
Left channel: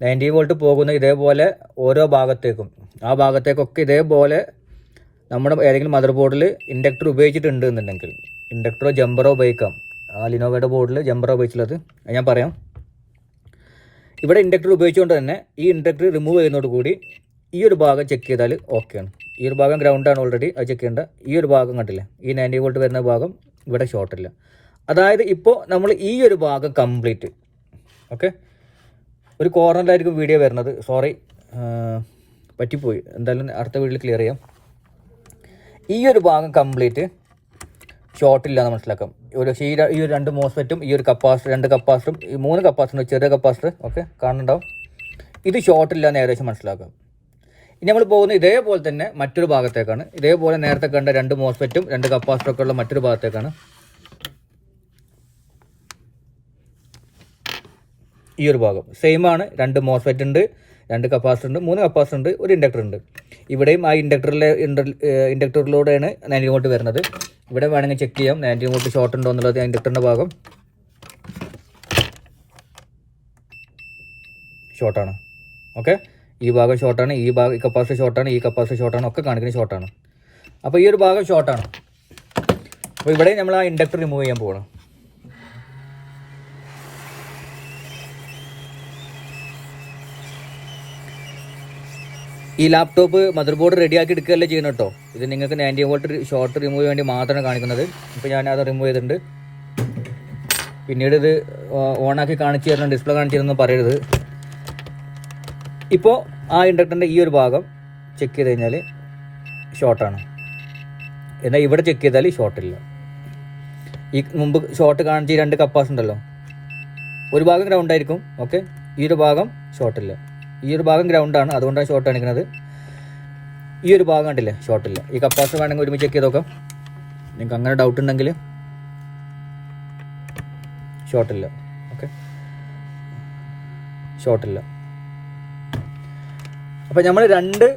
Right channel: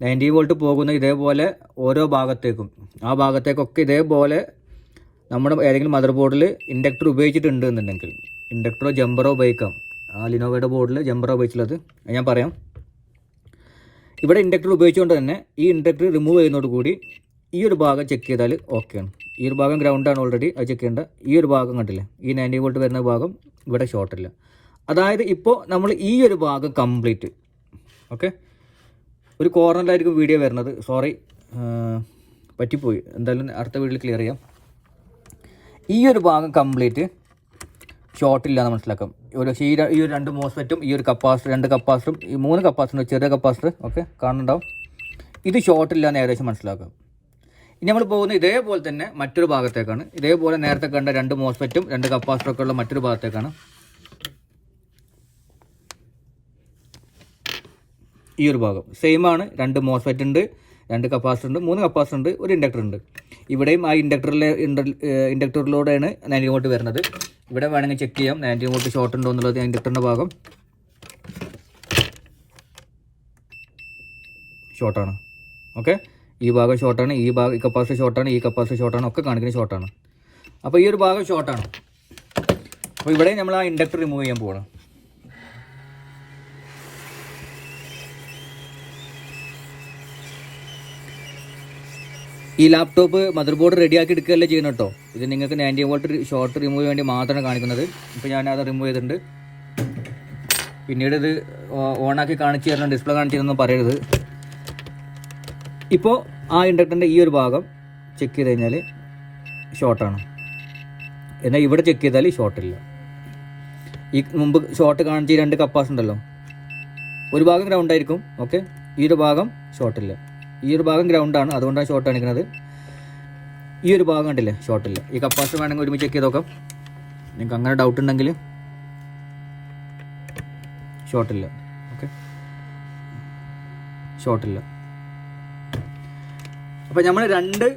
90 വോൾട്ട് പോകുന്ന ഇതേപോലെ ഓരോ ഭാഗത്തേക്കും, ആ ഭാഗത്തേക്കൊക്കെ ഇതേപോലെ നമ്മുടെ ഏതെങ്കിലും മദർ ബോർഡിൽ ഇൻഡക്ടർ ഉപയോഗിച്ചിട്ടുണ്ട് എന്നുണ്ടെങ്കിൽ, ഇൻഡക്ടറോ ജമ്പറോ ഉപയോഗിക്കാം. ആ ലിനോവയുടെ ബോർഡിൽ ജമ്പറോ ഉപയോഗിച്ചുള്ളത് ഞാൻ പറയാം. ഇവിടെ ഇൻഡക്ടർ ഉപയോഗിച്ചുകൊണ്ട് തന്നെ ഈ ഇൻഡക്ടർ റിമൂവ് ചെയ്യുന്നതോടുകൂടി ഈ ഒരു ഭാഗം ചെക്ക് ചെയ്താൽ ഓക്കെയാണ്. ഈ ഒരു ഭാഗം ഗ്രൗണ്ടാണ് ഓൾറെഡി, അത് ചെക്ക് ചെയ്യേണ്ട. ഈ ഒരു ഭാഗം കണ്ടില്ലേ, ഈ 90 വോൾട്ട് വരുന്ന ഭാഗം ഇവിടെ ഷോർട്ടില്ല. അതായത് ഇപ്പോൾ നമ്മൾ ഈ ഒരു ഭാഗം കംപ്ലീറ്റ്, ഓക്കെ, ഒരു കോർണറിലായിരിക്കും വീഡിയോ വരുന്നത്, സോറി പറ്റിപ്പോയി, എന്തായാലും അടുത്ത വീഡിയോയിൽ ക്ലിയർ ചെയ്യാം. ഈ ഒരു ഭാഗം കംപ്ലീറ്റ് ഷോർട്ടില്ല എന്ന് മനസ്സിലാക്കാം. ഈ ഒരു 2 മോസ്ഫെറ്റും ഈ ഒരു കപ്പാസിറ്റർ, 2 കപ്പാസിറ്ററും ഈ 3 കപ്പാസിറ്റർ, ചെറിയ കപ്പാസിറ്റർ, ഓക്കെ, കാണുന്നുണ്ടാവും. ഇത് ഷോർട്ടില്ല എന്ന് ഏകദേശം മനസ്സിലാക്കാം. ഇനി നമ്മൾ പോകുന്നത് ഇതേപോലെ തന്നെ മറ്റൊരു ഭാഗത്തേക്കാണ്. ഇതേപോലെ നേരത്തെ കണ്ട 2 മോസ്ഫെറ്റും 2 കപ്പാസിറ്ററൊക്കെ ഉള്ള മറ്റൊരു ഭാഗത്തേക്കാണ്. ഈ ഒരു ഭാഗം സെയിം ആണ്. 2 മോസ്ഫെറ്റ് ഉണ്ട്, 2 കപ്പാസിറ്റർ ഉണ്ട്, 3 കപ്പാസിറ്റർ ഉണ്ട്, ഒരു ഇൻഡക്ടർ ഉണ്ട്. ഇവിടെയും ആ ഇൻഡക്ടറിലൂടെയാണ് 90 വോൾട്ട് വരുന്നത്. ഇവിടെ വേണമെങ്കിൽ ചെക്ക് ചെയ്യാം 90 വോൾട്ട് ഷോർട്ട് ഉണ്ടോ എന്നുള്ളത്. ഇൻഡക്ടറിൻ്റെ ഭാഗം ഷോർട്ടാണ്. ഓക്കെ, ഈ ഭാഗം ഷോർട്ടാണ്, ഈ കപ്പാസിറ്റർ ഷോർട്ടാണ്, ഈ കപ്പാസിറ്റർ ഷോർട്ടാണ്, ഒക്കെ കാണിക്കുന്നത് ഷോർട്ടാണ്. അപ്പോൾ ഈ ഒരു ഭാഗം ഷോർട്ടാണ്. അപ്പോൾ ഇവിടെ നമ്മൾ ആ ഇൻഡക്ടർ റിമൂവ് ചെയ്യാൻ പോകണം. ഈ ലാപ്ടോപ്പ് മദർ ബോർഡ് റെഡിയാക്കി എടുക്കുകയല്ലേ ചെയ്യണം കേട്ടോ. ഇത് നിങ്ങൾക്ക് 90 വോൾട്ട് ഷോർട്ട് റിമൂവ് വേണ്ടി മാത്രമാണ് കാണിക്കുന്നത്. ഇപ്പോൾ ഞാനത് റിമൂവ് ചെയ്തിട്ടുണ്ട്. പിന്നീട് ഇത് ഓണാക്കി കാണിച്ചു തരണം, ഡിസ്പ്ലേ കാണിച്ചു തരുന്നു പറയരുത്. ഇപ്പോൾ ആ ഇൻഡക്ടറിൻ്റെ ഈ ഒരു ഭാഗം ചെക്ക് ചെയ്ത് കഴിഞ്ഞാൽ ഷോർട്ടാണ്. എന്നാൽ ഇവിടെ ചെക്ക് ചെയ്താൽ ഷോർട്ടില്ല. ഈ മുമ്പ് ഷോർട്ട് കാണിച്ച ഈ 2 കപ്പാസിറ്റർ ഉണ്ടല്ലോ, ഒരു ഭാഗം ഗ്രൗണ്ട് ആയിരിക്കും. ഓക്കെ, ഈ ഒരു ഭാഗം ഷോർട്ടില്ല. ഈ ഒരു ഭാഗം ഗ്രൗണ്ടാണ്, അതുകൊണ്ടാണ് ഷോർട്ട് കാണിക്കുന്നത്. ഈ ഒരു ഭാഗം കണ്ടില്ലേ, ഷോർട്ടില്ല. ഈ കപ്പാസിറ്റർ വേണമെങ്കിൽ ഒരുമിച്ച് ചെക്ക് ചെയ്ത് നോക്കാം. നിങ്ങൾക്ക് അങ്ങനെ ഡൗട്ട് ഉണ്ടെങ്കിൽ ഷോർട്ടില്ല. ഓക്കെ, ഷോർട്ടില്ല. അപ്പോൾ നമ്മൾ 2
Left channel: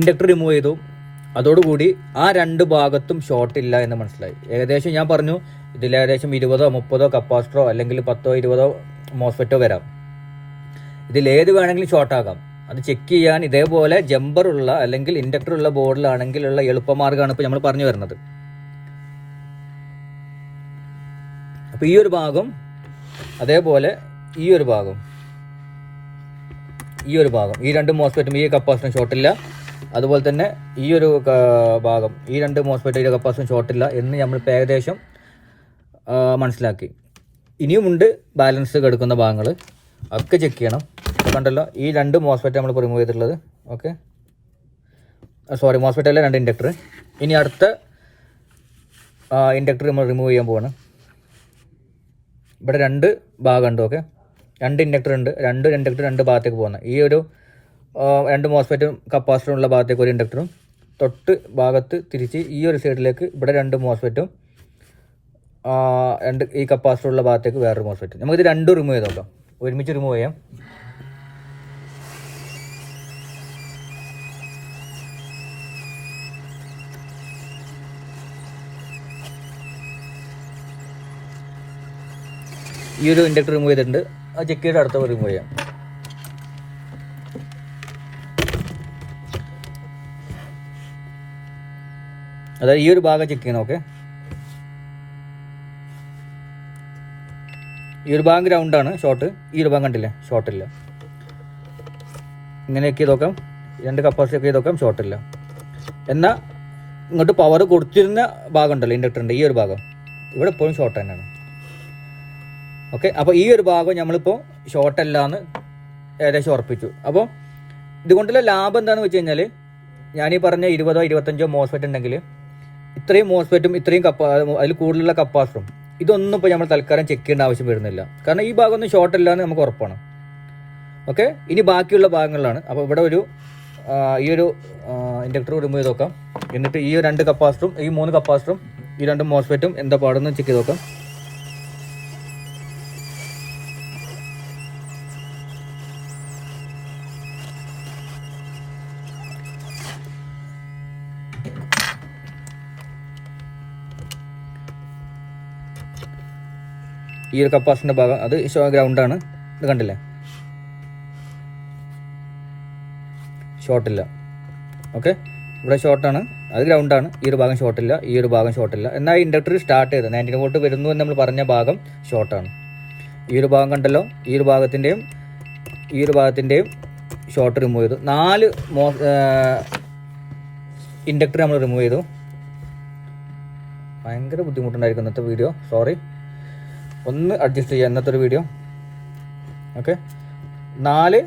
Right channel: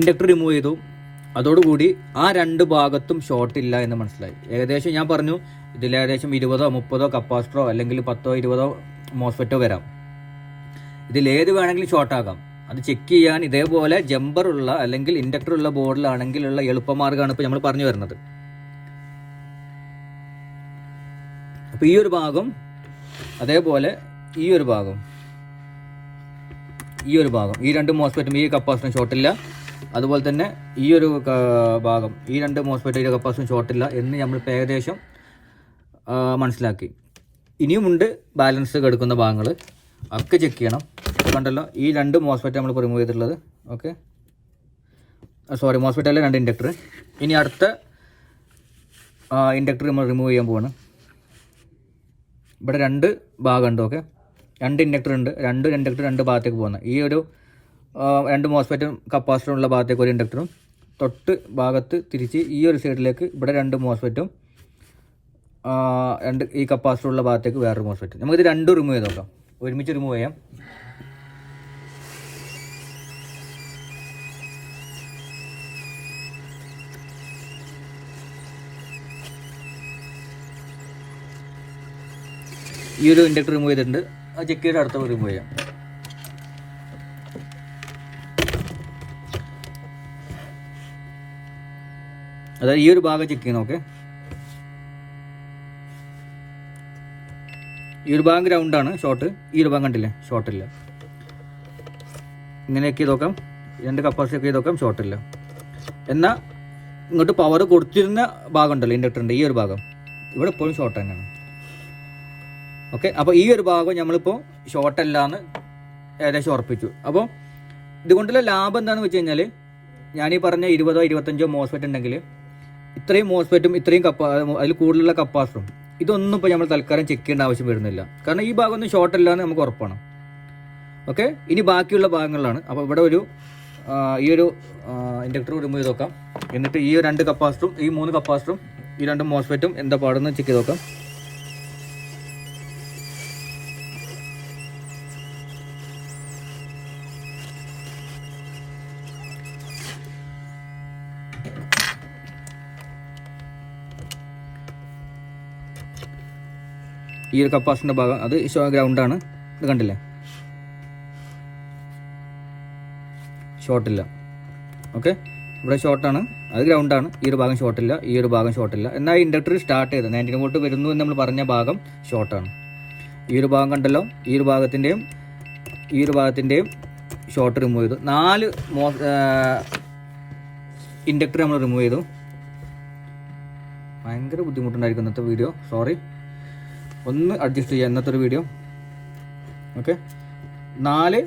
ഇൻഡക്ടർ റിമൂവ് ചെയ്തു. അതോടുകൂടി ആ 2 ഭാഗത്തും ഷോർട്ടില്ല എന്ന് മനസ്സിലായി. ഏകദേശം ഞാൻ പറഞ്ഞു ഇതിൽ ഏകദേശം 20 30 കപ്പാസിറ്ററോ അല്ലെങ്കിൽ 10 20 മോസ്ഫെറ്റോ വരാം. ഇതിലേത് വേണമെങ്കിലും ഷോർട്ടാകാം. അത് ചെക്ക് ചെയ്യാൻ ഇതേപോലെ ജമ്പറുള്ള അല്ലെങ്കിൽ ഇൻഡക്ടറുള്ള ബോർഡിലാണെങ്കിലുള്ള എളുപ്പമാർഗ്ഗമാണ് ഇപ്പോൾ നമ്മൾ പറഞ്ഞു വരുന്നത്. അപ്പോൾ ഈ ഒരു ഭാഗം, അതേപോലെ ഈ ഒരു ഭാഗം, ഈ 2 മോസ്ഫെറ്റും ഈ കപ്പാസിറ്ററും ഷോർട്ടില്ല. അതുപോലെ തന്നെ ഈ ഒരു ഭാഗം, ഈ 2 മോസ്ഫെറ്റും ഈ കപ്പാസിറ്ററും ഷോർട്ടില്ല എന്ന് നമ്മളിപ്പോൾ ഏകദേശം മനസ്സിലാക്കി. ഇനിയുമുണ്ട് ബാലൻസ് കിടക്കുന്ന ഭാഗങ്ങൾ, ഒക്കെ ചെക്ക് ചെയ്യണം. കണ്ടല്ലോ, ഈ 2 മോസ്ഫെറ്റ് നമ്മൾ റിമൂവ് ചെയ്തിട്ടുള്ളത്. ഓക്കെ, സോറി, മോസ്ഫെറ്റ് അല്ല, 2 ഇൻഡക്ടർ. ഇനി അടുത്ത ഇൻഡക്ടർ നമ്മൾ റിമൂവ് ചെയ്യാൻ പോവാണ്. ഇവിടെ 2 ഭാഗമുണ്ട്. ഓക്കെ, 2 ഇൻഡക്ടർ ഉണ്ട്. 2 ഇൻഡക്ടർ 2 ഭാഗത്തേക്ക് പോകുന്നത്. ഈ ഒരു 2 മോസ്ഫെറ്റും കപ്പാസിറ്ററും ഉള്ള ഭാഗത്തേക്ക് ഒരു ഇൻഡക്ടറും, തൊട്ട് ഭാഗത്ത് തിരിച്ച് ഈ ഒരു സൈഡിലേക്ക് ഇവിടെ 2 മോസ്ഫെറ്റും 2 ഈ കപ്പാസിറ്ററുള്ള ഭാഗത്തേക്ക് വേറൊരു മോസ്ഫെറ്റ്. നമുക്കിത് 2 റിമൂവ് ചെയ്ത് നോക്കാം, ഒരുമിച്ച് റിമൂവ് ചെയ്യാം. ഈ ഒരു ഇൻഡക്ടർ റിമൂവ് ചെയ്തിട്ടുണ്ട്. അത് ചെക്ക് ചെയ്ത് അടുത്ത റിമൂവ് ചെയ്യാം. അതായത് ഈ ഒരു ഭാഗം ചെക്ക് ചെയ്യണം. ഓക്കെ, ഈ ഒരു ഭാഗം ഗ്രൗണ്ടാണ്, ഷോർട്ട്. ഈ ഒരു ഭാഗം കണ്ടില്ലേ, ഷോർട്ടില്ല. ഇങ്ങനെയൊക്കെ ചെയ്ത് നോക്കാം. 2 കപ്പാസിറ്റി ഒക്കെ ചെയ്ത് നോക്കാം, ഷോർട്ടില്ല. എന്നാൽ ഇങ്ങോട്ട് പവർ കൊടുത്തിരുന്ന ഭാഗം ഉണ്ടല്ലോ ഇൻഡക്ടറിൻ്റെ, ഈ ഒരു ഭാഗം ഇവിടെ ഇപ്പോഴും ഷോർട്ട് തന്നെയാണ്. ഓക്കെ, അപ്പോൾ ഈ ഒരു ഭാഗം നമ്മളിപ്പോൾ ഷോർട്ടല്ല എന്ന് ഏകദേശം ഉറപ്പിച്ചു. അപ്പോൾ ഇതുകൊണ്ടുള്ള ലാഭം എന്താണെന്ന് വെച്ച് കഴിഞ്ഞാൽ, ഞാനീ പറഞ്ഞ 20 25 മോസ്ഫെറ്റ് ഉണ്ടെങ്കിൽ ഇത്രയും മോസ്ഫെറ്റും ഇത്രയും അതിൽ കൂടുതലുള്ള കപ്പാസിറ്ററും ഇതൊന്നും ഇപ്പോൾ നമ്മൾ തൽക്കാലം ചെക്ക് ചെയ്യേണ്ട ആവശ്യം വരുന്നില്ല. കാരണം ഈ ഭാഗമൊന്നും ഷോർട്ട് ഇല്ല എന്ന് നമുക്ക് ഉറപ്പാണ്. ഓക്കെ, ഇനി ബാക്കിയുള്ള ഭാഗങ്ങളിലാണ്. അപ്പോൾ ഇവിടെ ഈ ഒരു ഇൻഡക്ടർ റിമൂവ് ചെയ്ത് നോക്കാം. എന്നിട്ട് ഈ 2 കപ്പാസിറ്ററും ഈ 3 കപ്പാസിറ്ററും ഈ 2 മോസ്ഫെറ്റും എന്താ പാടെന്ന് ചെക്ക് ചെയ്ത് നോക്കാം. ഈ ഒരു കപ്പാസിറ്ററിൻ്റെ ഭാഗം അത് ഗ്രൗണ്ടാണ്. ഇത് കണ്ടില്ലേ, ഷോർട്ടില്ല. ഓക്കെ, ഇവിടെ ഷോർട്ടാണ്, അത് ഗ്രൗണ്ടാണ്. ഈ ഒരു ഭാഗം ഷോർട്ടില്ല, ഈ ഒരു ഭാഗം ഷോർട്ടില്ല. എന്നാൽ ഇൻഡക്ടർ സ്റ്റാർട്ട് ചെയ്ത് 19 വോൾട്ട് വരുന്നു എന്ന് നമ്മൾ പറഞ്ഞ ഭാഗം ഷോർട്ടാണ്. ഈ ഒരു ഭാഗം കണ്ടല്ലോ, ഈ ഒരു ഭാഗത്തിൻ്റെയും ഈ ഒരു ഭാഗത്തിൻ്റെയും ഷോർട്ട് റിമൂവ് ചെയ്തു. 4 ഇൻഡക്ടർ നമ്മൾ റിമൂവ് ചെയ്തു. ഭയങ്കര ബുദ്ധിമുട്ടുണ്ടായിരിക്കും ഇന്നത്തെ വീഡിയോ, സോറി. ഒന്ന് അഡ്ജസ്റ്റ് ചെയ്യാം ഇന്നത്തെ ഒരു വീഡിയോ. ഓക്കെ, 4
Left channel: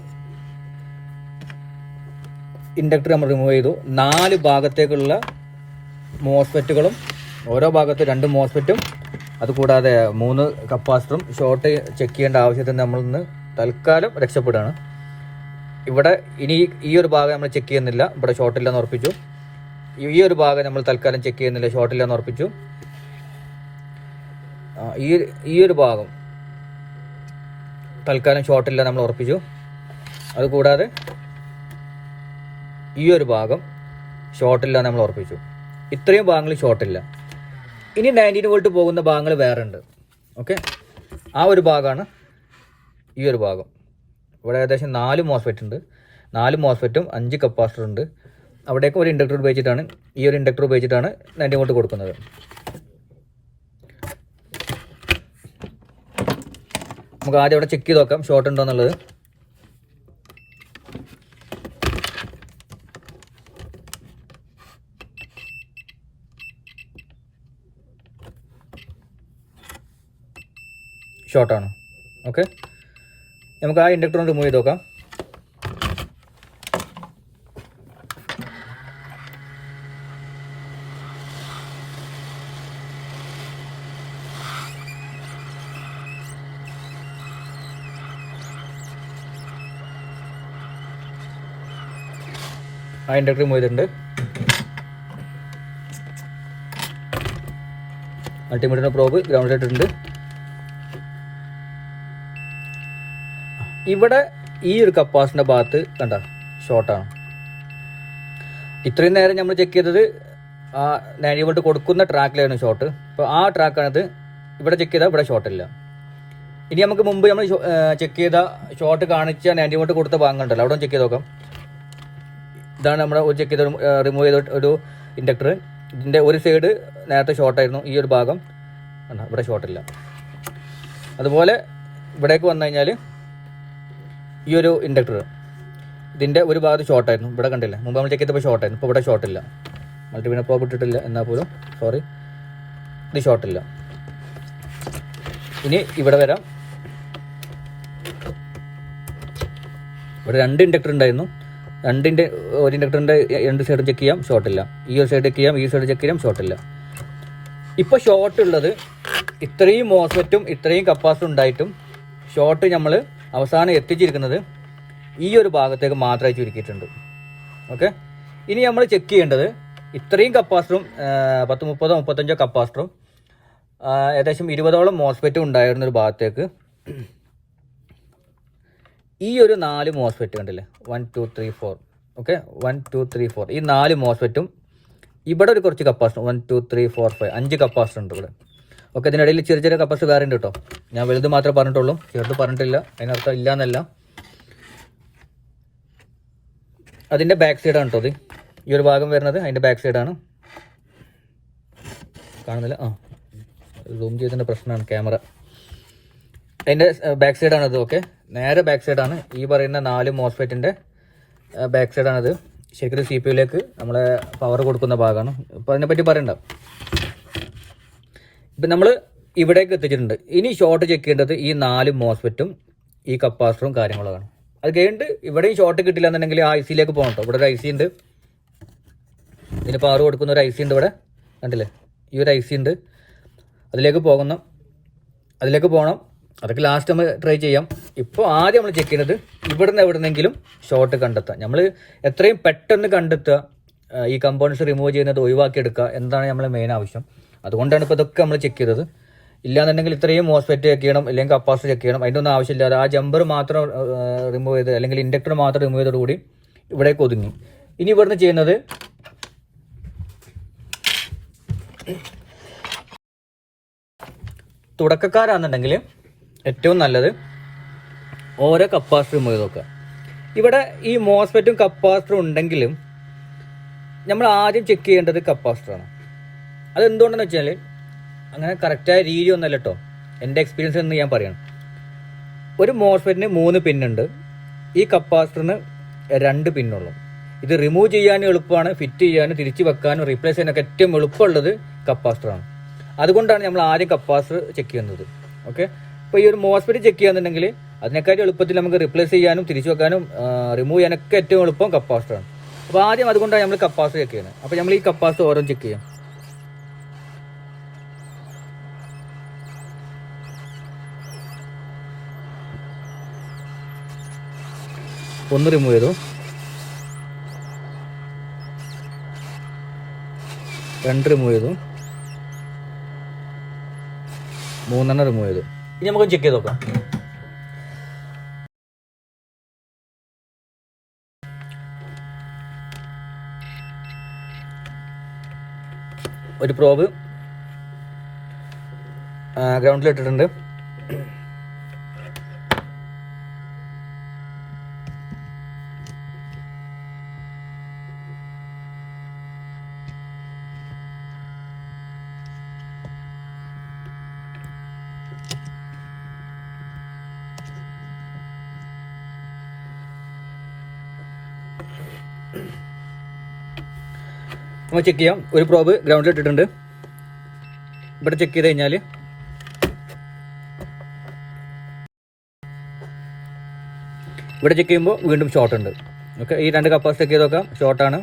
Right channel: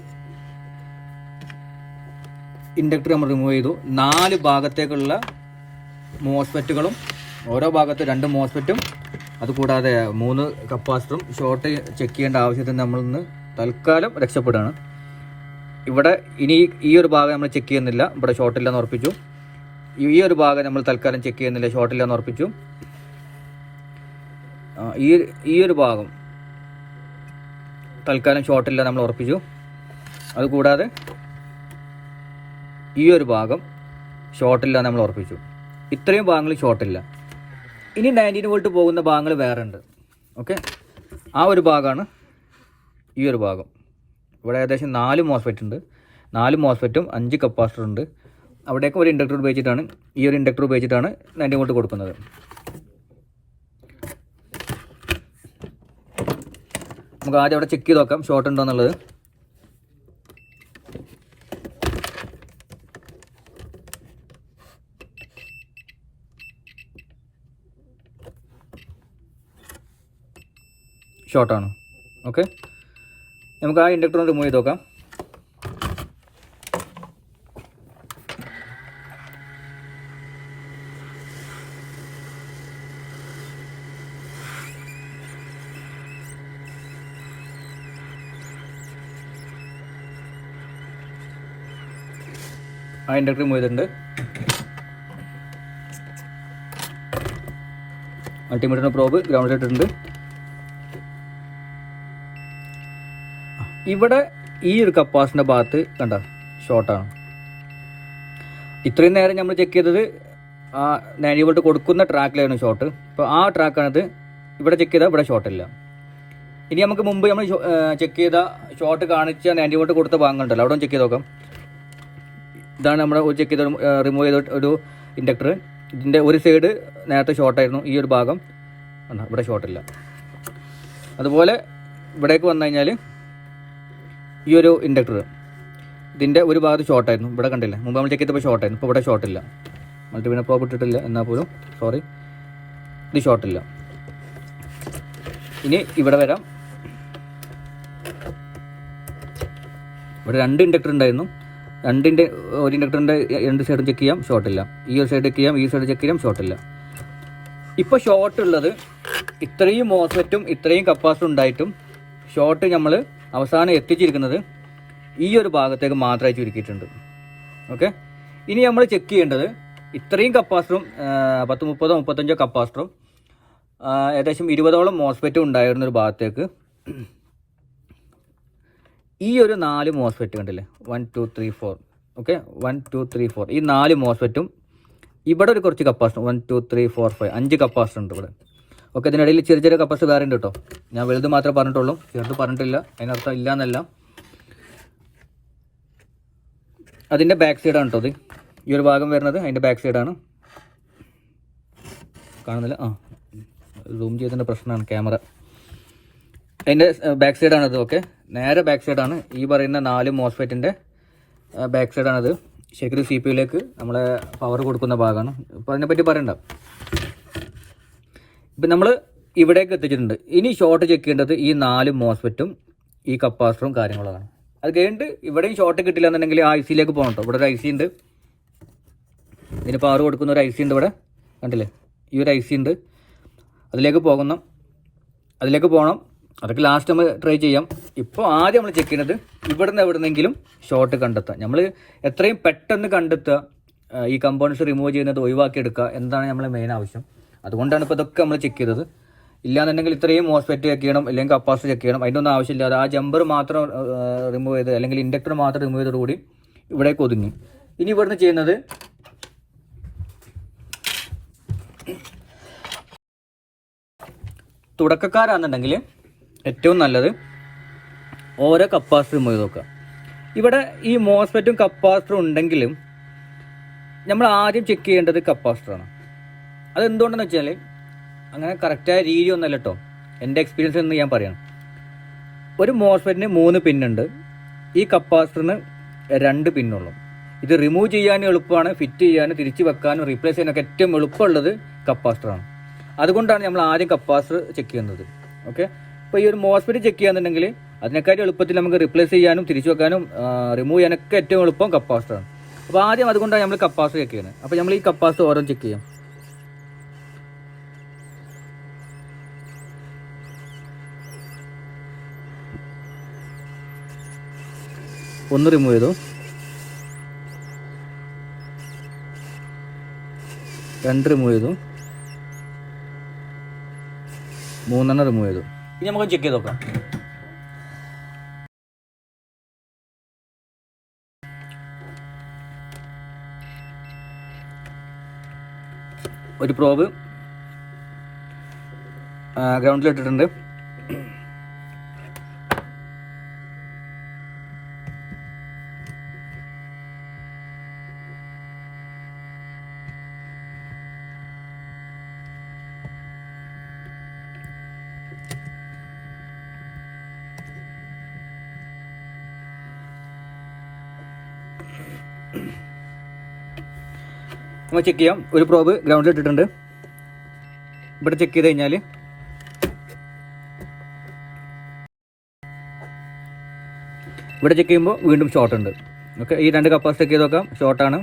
ഇൻഡക്ടർ നമ്മൾ റിമൂവ് ചെയ്തു. 4 ഭാഗത്തേക്കുള്ള മോസ്ഫെറ്റുകളും ഓരോ ഭാഗത്ത് 2 മോസ്ഫെറ്റും അതുകൂടാതെ 3 കപ്പാസിറ്ററും ഷോർട്ട് ചെക്ക് ചെയ്യേണ്ട ആവശ്യത്തിന് നമ്മളിന്ന് തൽക്കാലം രക്ഷപ്പെടുകയാണ്. ഇവിടെ ഇനി ഈ ഒരു ഭാഗം നമ്മൾ ചെക്ക് ചെയ്യുന്നില്ല, ഇവിടെ ഷോർട്ടില്ലെന്ന് ഉറപ്പിച്ചു. ഈ ഒരു ഭാഗം നമ്മൾ തൽക്കാലം ചെക്ക് ചെയ്യുന്നില്ല, ഷോർട്ടില്ലെന്ന് ഉറപ്പിച്ചു. ഈ ഒരു ഭാഗം തൽക്കാലം ഷോർട്ടില്ല നമ്മൾ ഉറപ്പിച്ചു. അതുകൂടാതെ ഈ ഒരു ഭാഗം ഷോർട്ടില്ല നമ്മൾ ഉറപ്പിച്ചു. ഇത്രയും ഭാഗങ്ങൾ ഷോർട്ടില്ല. ഇനി 19 വോൾട്ട് പോകുന്ന ഭാഗങ്ങൾ വേറെ ഉണ്ട്. ഓക്കെ, ആ ഒരു ഭാഗമാണ് ഈ ഒരു ഭാഗം. ഇവിടെ ഏകദേശം 4 മോസ്ഫെറ്റ് ഉണ്ട്. 4 മോസ്ഫെറ്റും 5 കപ്പാസിറ്റർ ഉണ്ട്. അവിടേക്ക് ഒരു ഇൻഡക്ടർ ഉപയോഗിച്ചിട്ടാണ്, ഈ ഒരു ഇൻഡക്ടർ ഉപയോഗിച്ചിട്ടാണ് 19 വോൾട്ട് കൊടുക്കുന്നത്. നമുക്ക് ആദ്യം അവിടെ ചെക്ക് ചെയ്ത് നോക്കാം ഷോർട്ട് ഉണ്ടോ എന്നുള്ളത്. ഷോർട്ടാണ്. ഓക്കെ, നമുക്ക് ആ ഇൻഡക്ടർ റിമൂവ് ചെയ്ത് നോക്കാം. ആ ഇൻഡക്ടർ റിമൂവ് ചെയ്തിട്ടുണ്ട്. മൾട്ടിമീറ്ററിന് പ്രോബ് ഗ്രൗണ്ട് ഇട്ടിട്ടുണ്ട്. ഇവിടെ ഈ ഒരു കപ്പാസിറ്ററിൻ്റെ ഭാഗത്ത് കണ്ട ഷോർട്ടാണ്. ഇത്രയും നേരം നമ്മൾ ചെക്ക് ചെയ്തത് ആ 90 വോൾട്ട് കൊടുക്കുന്ന ട്രാക്കിലായിരുന്നു ഷോർട്ട്. അപ്പോൾ ആ ട്രാക്കാണിത്. ഇവിടെ ചെക്ക് ചെയ്താൽ ഇവിടെ ഷോർട്ടില്ല. ഇനി നമുക്ക് മുമ്പ് നമ്മൾ ചെക്ക് ചെയ്ത ഷോർട്ട് കാണിച്ച 90 വോൾട്ട് കൊടുത്ത ഭാഗം ഉണ്ടല്ലോ, അവിടെ ചെക്ക് ചെയ്ത് നോക്കാം. ഇതാണ് നമ്മൾ ചെക്ക് ചെയ്ത് റിമൂവ് ചെയ്ത ഒരു ഇൻഡക്ടർ. ഇതിൻ്റെ ഒരു സൈഡ് നേരത്തെ ഷോർട്ടായിരുന്നു, ഈ ഒരു ഭാഗം ഇവിടെ ഷോർട്ടില്ല. അതുപോലെ ഇവിടേക്ക് വന്നു കഴിഞ്ഞാൽ ഈ ഒരു ഇൻഡക്ടർ ഇതിൻ്റെ ഒരു ഭാഗത്ത് ഷോർട്ടായിരുന്നു, ഇവിടെ കണ്ടില്ല. മുമ്പ് നമ്മൾ ചെക്ക് ചെയ്തപ്പോൾ ഷോർട്ടായിരുന്നു, ഇപ്പോൾ ഇവിടെ ഷോർട്ടില്ല. മൾട്ടിമീറ്റർ പ്രോബ് ഇട്ടിട്ടില്ല എന്നാൽ പോലും, സോറി, ഇത് ഷോർട്ടില്ല. ഇനി ഇവിടെ വരാം. ഇവിടെ 2 ഇൻഡക്ടർ ഉണ്ടായിരുന്നു. ഒരു ഇൻഡക്ടറിൻ്റെ 2 സൈഡും ചെക്ക് ചെയ്യാം, ഷോർട്ടില്ല. ഈ ഒരു സൈഡ് ചെക്ക് ചെയ്യാം, ഈ സൈഡ് ചെക്ക് ചെയ്യാം, ഷോർട്ടില്ല. ഇപ്പോൾ ഷോർട്ട് ഉള്ളത് ഇത്രയും മോസ്ഫെറ്റും ഇത്രയും കപ്പാസിറ്ററും ഉണ്ടായിട്ടും ഷോർട്ട് നമ്മൾ അവസാനം എത്തിച്ചിരിക്കുന്നത് ഈ ഒരു ഭാഗത്തേക്ക് മാത്രമായി ചുരുക്കിയിട്ടുണ്ട്. ഓക്കെ, ഇനി നമ്മൾ ചെക്ക് ചെയ്യേണ്ടത് ഇത്രയും കപ്പാസിറ്ററും 10, 30, 35 കപ്പാസിറ്ററും ഏകദേശം 20ഓളം മോസ്ഫെറ്റും ഉണ്ടായിരുന്നൊരു ഭാഗത്തേക്ക് ഈ ഒരു 4 മോസ്ഫെറ്റ് കണ്ടില്ലേ, 1 2 3 4. ഓക്കെ, 1 2 3 4 ഈ 4 മോസ്ഫെറ്റും ഇവിടെ ഒരു കുറച്ച് കപ്പാസിറ്റർ 1 2 3 4 5 5 കപ്പാസിറ്റർ ഉണ്ട് ഇവിടെ. ഓക്കെ, ഇതിനിടയിൽ ചെറിയ ചെറിയ കപ്പാസിറ്റർ വേറെ ഉണ്ട് കേട്ടോ. ഞാൻ വലുത് മാത്രമേ പറഞ്ഞിട്ടുള്ളൂ, ചെറുത് പറഞ്ഞിട്ടില്ല. അതിനർത്ഥം ഇല്ല എന്നല്ല. അതിൻ്റെ ബാക്ക് സൈഡാണ് കേട്ടോ ഇത്. ഈ ഒരു ഭാഗം വരുന്നത് അതിൻ്റെ ബാക്ക് സൈഡാണ്. കാണുന്നില്ല, സൂം ചെയ്തതിൻ്റെ പ്രശ്നമാണ് ക്യാമറ. അതിൻ്റെ ബാക്ക് സൈഡാണിത്. ഓക്കെ, നേരെ ബാക്ക് സൈഡാണ് ഈ പറയുന്ന 4 മോസ്ഫെറ്റിൻ്റെ ബാക്ക് സൈഡാണിത്. ശരിക്കും CPU നമ്മളെ പവർ കൊടുക്കുന്ന ഭാഗമാണ്. അപ്പോൾ അതിനെപ്പറ്റി പറയണ്ട. ഇപ്പം നമ്മൾ ഇവിടേക്ക് എത്തിച്ചിട്ടുണ്ട്. ഇനി ഷോർട്ട് ചെക്ക് ചെയ്യേണ്ടത് ഈ 4 മോസ്ഫെറ്റും ഈ കപ്പാസിറ്ററും കാര്യങ്ങളാണ്. അത് കഴിഞ്ഞിട്ട് ഇവിടെയും ഷോർട്ട് കിട്ടില്ല എന്നുണ്ടെങ്കിൽ ആ IC പോകണം കേട്ടോ. ഇവിടെ ഒരു IC ഉണ്ട്, ഇതിന് പവർ കൊടുക്കുന്ന ഒരു IC ഉണ്ട് ഇവിടെ. കണ്ടില്ലേ, ഈ ഒരു IC ഉണ്ട്, അതിലേക്ക് പോകണം. അതൊക്കെ ലാസ്റ്റ് നമ്മൾ ട്രൈ ചെയ്യാം. ഇപ്പോൾ ആദ്യം നമ്മൾ ചെക്ക് ചെയ്യുന്നത് എവിടെന്നെങ്കിലും ഷോർട്ട് കണ്ടെത്തുക. നമ്മൾ എത്രയും പെട്ടെന്ന് കണ്ടെത്തുക, ഈ കമ്പോണൻസ് റിമൂവ് ചെയ്യുന്നത് ഒഴിവാക്കിയെടുക്കുക, എന്താണ് നമ്മളെ മെയിൻ ആവശ്യം. അതുകൊണ്ടാണ് ഇപ്പോൾ ഇതൊക്കെ നമ്മൾ ചെക്ക് ചെയ്തത്. ഇല്ലാന്നുണ്ടെങ്കിൽ ഇത്രയും മോസ്ഫെറ്റ് ചെക്ക് ചെയ്യണം, അല്ലെങ്കിൽ കപ്പാസിറ്റർ ചെക്ക് ചെയ്യണം, അതിൻ്റെ ഒന്നും ആവശ്യമില്ലാതെ ആ ജമ്പർ മാത്രം റിമൂവ് ചെയ്ത് അല്ലെങ്കിൽ ഇൻഡക്ടർ മാത്രം റിമൂവ് ചെയ്തതോടുകൂടി ഇവിടേക്ക് ഒതുങ്ങി. ഇനി ഇവിടുന്ന് ചെയ്യുന്നത് തുടക്കക്കാരാണെന്നുണ്ടെങ്കിൽ ഏറ്റവും നല്ലത് ഓരോ കപ്പാസിറ്റർ റിമൂവ് ചെയ്ത് നോക്കുക. ഇവിടെ ഈ മോസ്ഫെറ്റും കപ്പാസിറ്ററും ഉണ്ടെങ്കിലും നമ്മൾ ആദ്യം ചെക്ക് ചെയ്യേണ്ടത് കപ്പാസിറ്ററാണ്. അതെന്തുകൊണ്ടെന്ന് വെച്ചാൽ അങ്ങനെ കറക്റ്റായ രീതി ഒന്നല്ല കേട്ടോ, എൻ്റെ എക്സ്പീരിയൻസ് എന്ന് ഞാൻ പറയാം. ഒരു മോസ്ഫെറ്റിന് 3 പിന്നുണ്ട്, ഈ കപ്പാസിറ്ററിന് 2 പിന്നുള്ളൂ. ഇത് റിമൂവ് ചെയ്യാനും എളുപ്പമാണ്, ഫിറ്റ് ചെയ്യാനും തിരിച്ച് വെക്കാനും റീപ്ലേസ് ചെയ്യാനൊക്കെ ഏറ്റവും എളുപ്പമുള്ളത് കപ്പാസിറ്ററാണ്. അതുകൊണ്ടാണ് നമ്മൾ ആദ്യം കപ്പാസിറ്റർ ചെക്ക് ചെയ്യുന്നത്. ഓക്കെ, അപ്പോൾ ഈ ഒരു മോസ്ഫെറ്റ് ചെക്ക് ചെയ്യാന്നുണ്ടെങ്കിൽ അതിനെക്കാട്ടി എളുപ്പത്തിൽ നമുക്ക് റിപ്ലേസ് ചെയ്യാനും തിരിച്ചു വെക്കാനും റിമൂവ് ചെയ്യാനൊക്കെ ഏറ്റവും എളുപ്പം കപ്പാസിറ്ററാണ്. അപ്പോൾ ആദ്യം അതുകൊണ്ടാണ് നമ്മൾ കപ്പാസിറ്റർ ചെക്ക് ചെയ്യുന്നത്. അപ്പോൾ നമ്മൾ ഈ കപ്പാസിറ്റർ ഓരോ ചെക്ക് ചെയ്യാം. ഒന്ന് റിമൂവ് ചെയ്തു, 2 റിമൂവ് ചെയ്തു, 3 റിമൂവ് ചെയ്തു. ഇനി നമുക്ക് ചെക്ക് ചെയ്ത് നോക്കാം. ഒരു പ്രോബ് ഗ്രൗണ്ടിൽ ഇട്ടിട്ടുണ്ട്. നമ്മൾ ചെക്ക് ചെയ്യാം. ഒരു പ്രോബ് ഗ്രൗണ്ടിൽ ഇട്ടിട്ടുണ്ട്. ഇവിടെ ചെക്ക് ചെയ്ത് കഴിഞ്ഞാൽ ഇവിടെ ചെക്ക് ചെയ്യുമ്പോൾ വീണ്ടും ഷോർട്ട് ഉണ്ട്. ഓക്കെ, ഈ 2 കപ്പാസിറ്റി ചെക്ക് ചെയ്ത് നോക്കാം, ഷോർട്ടാണ്.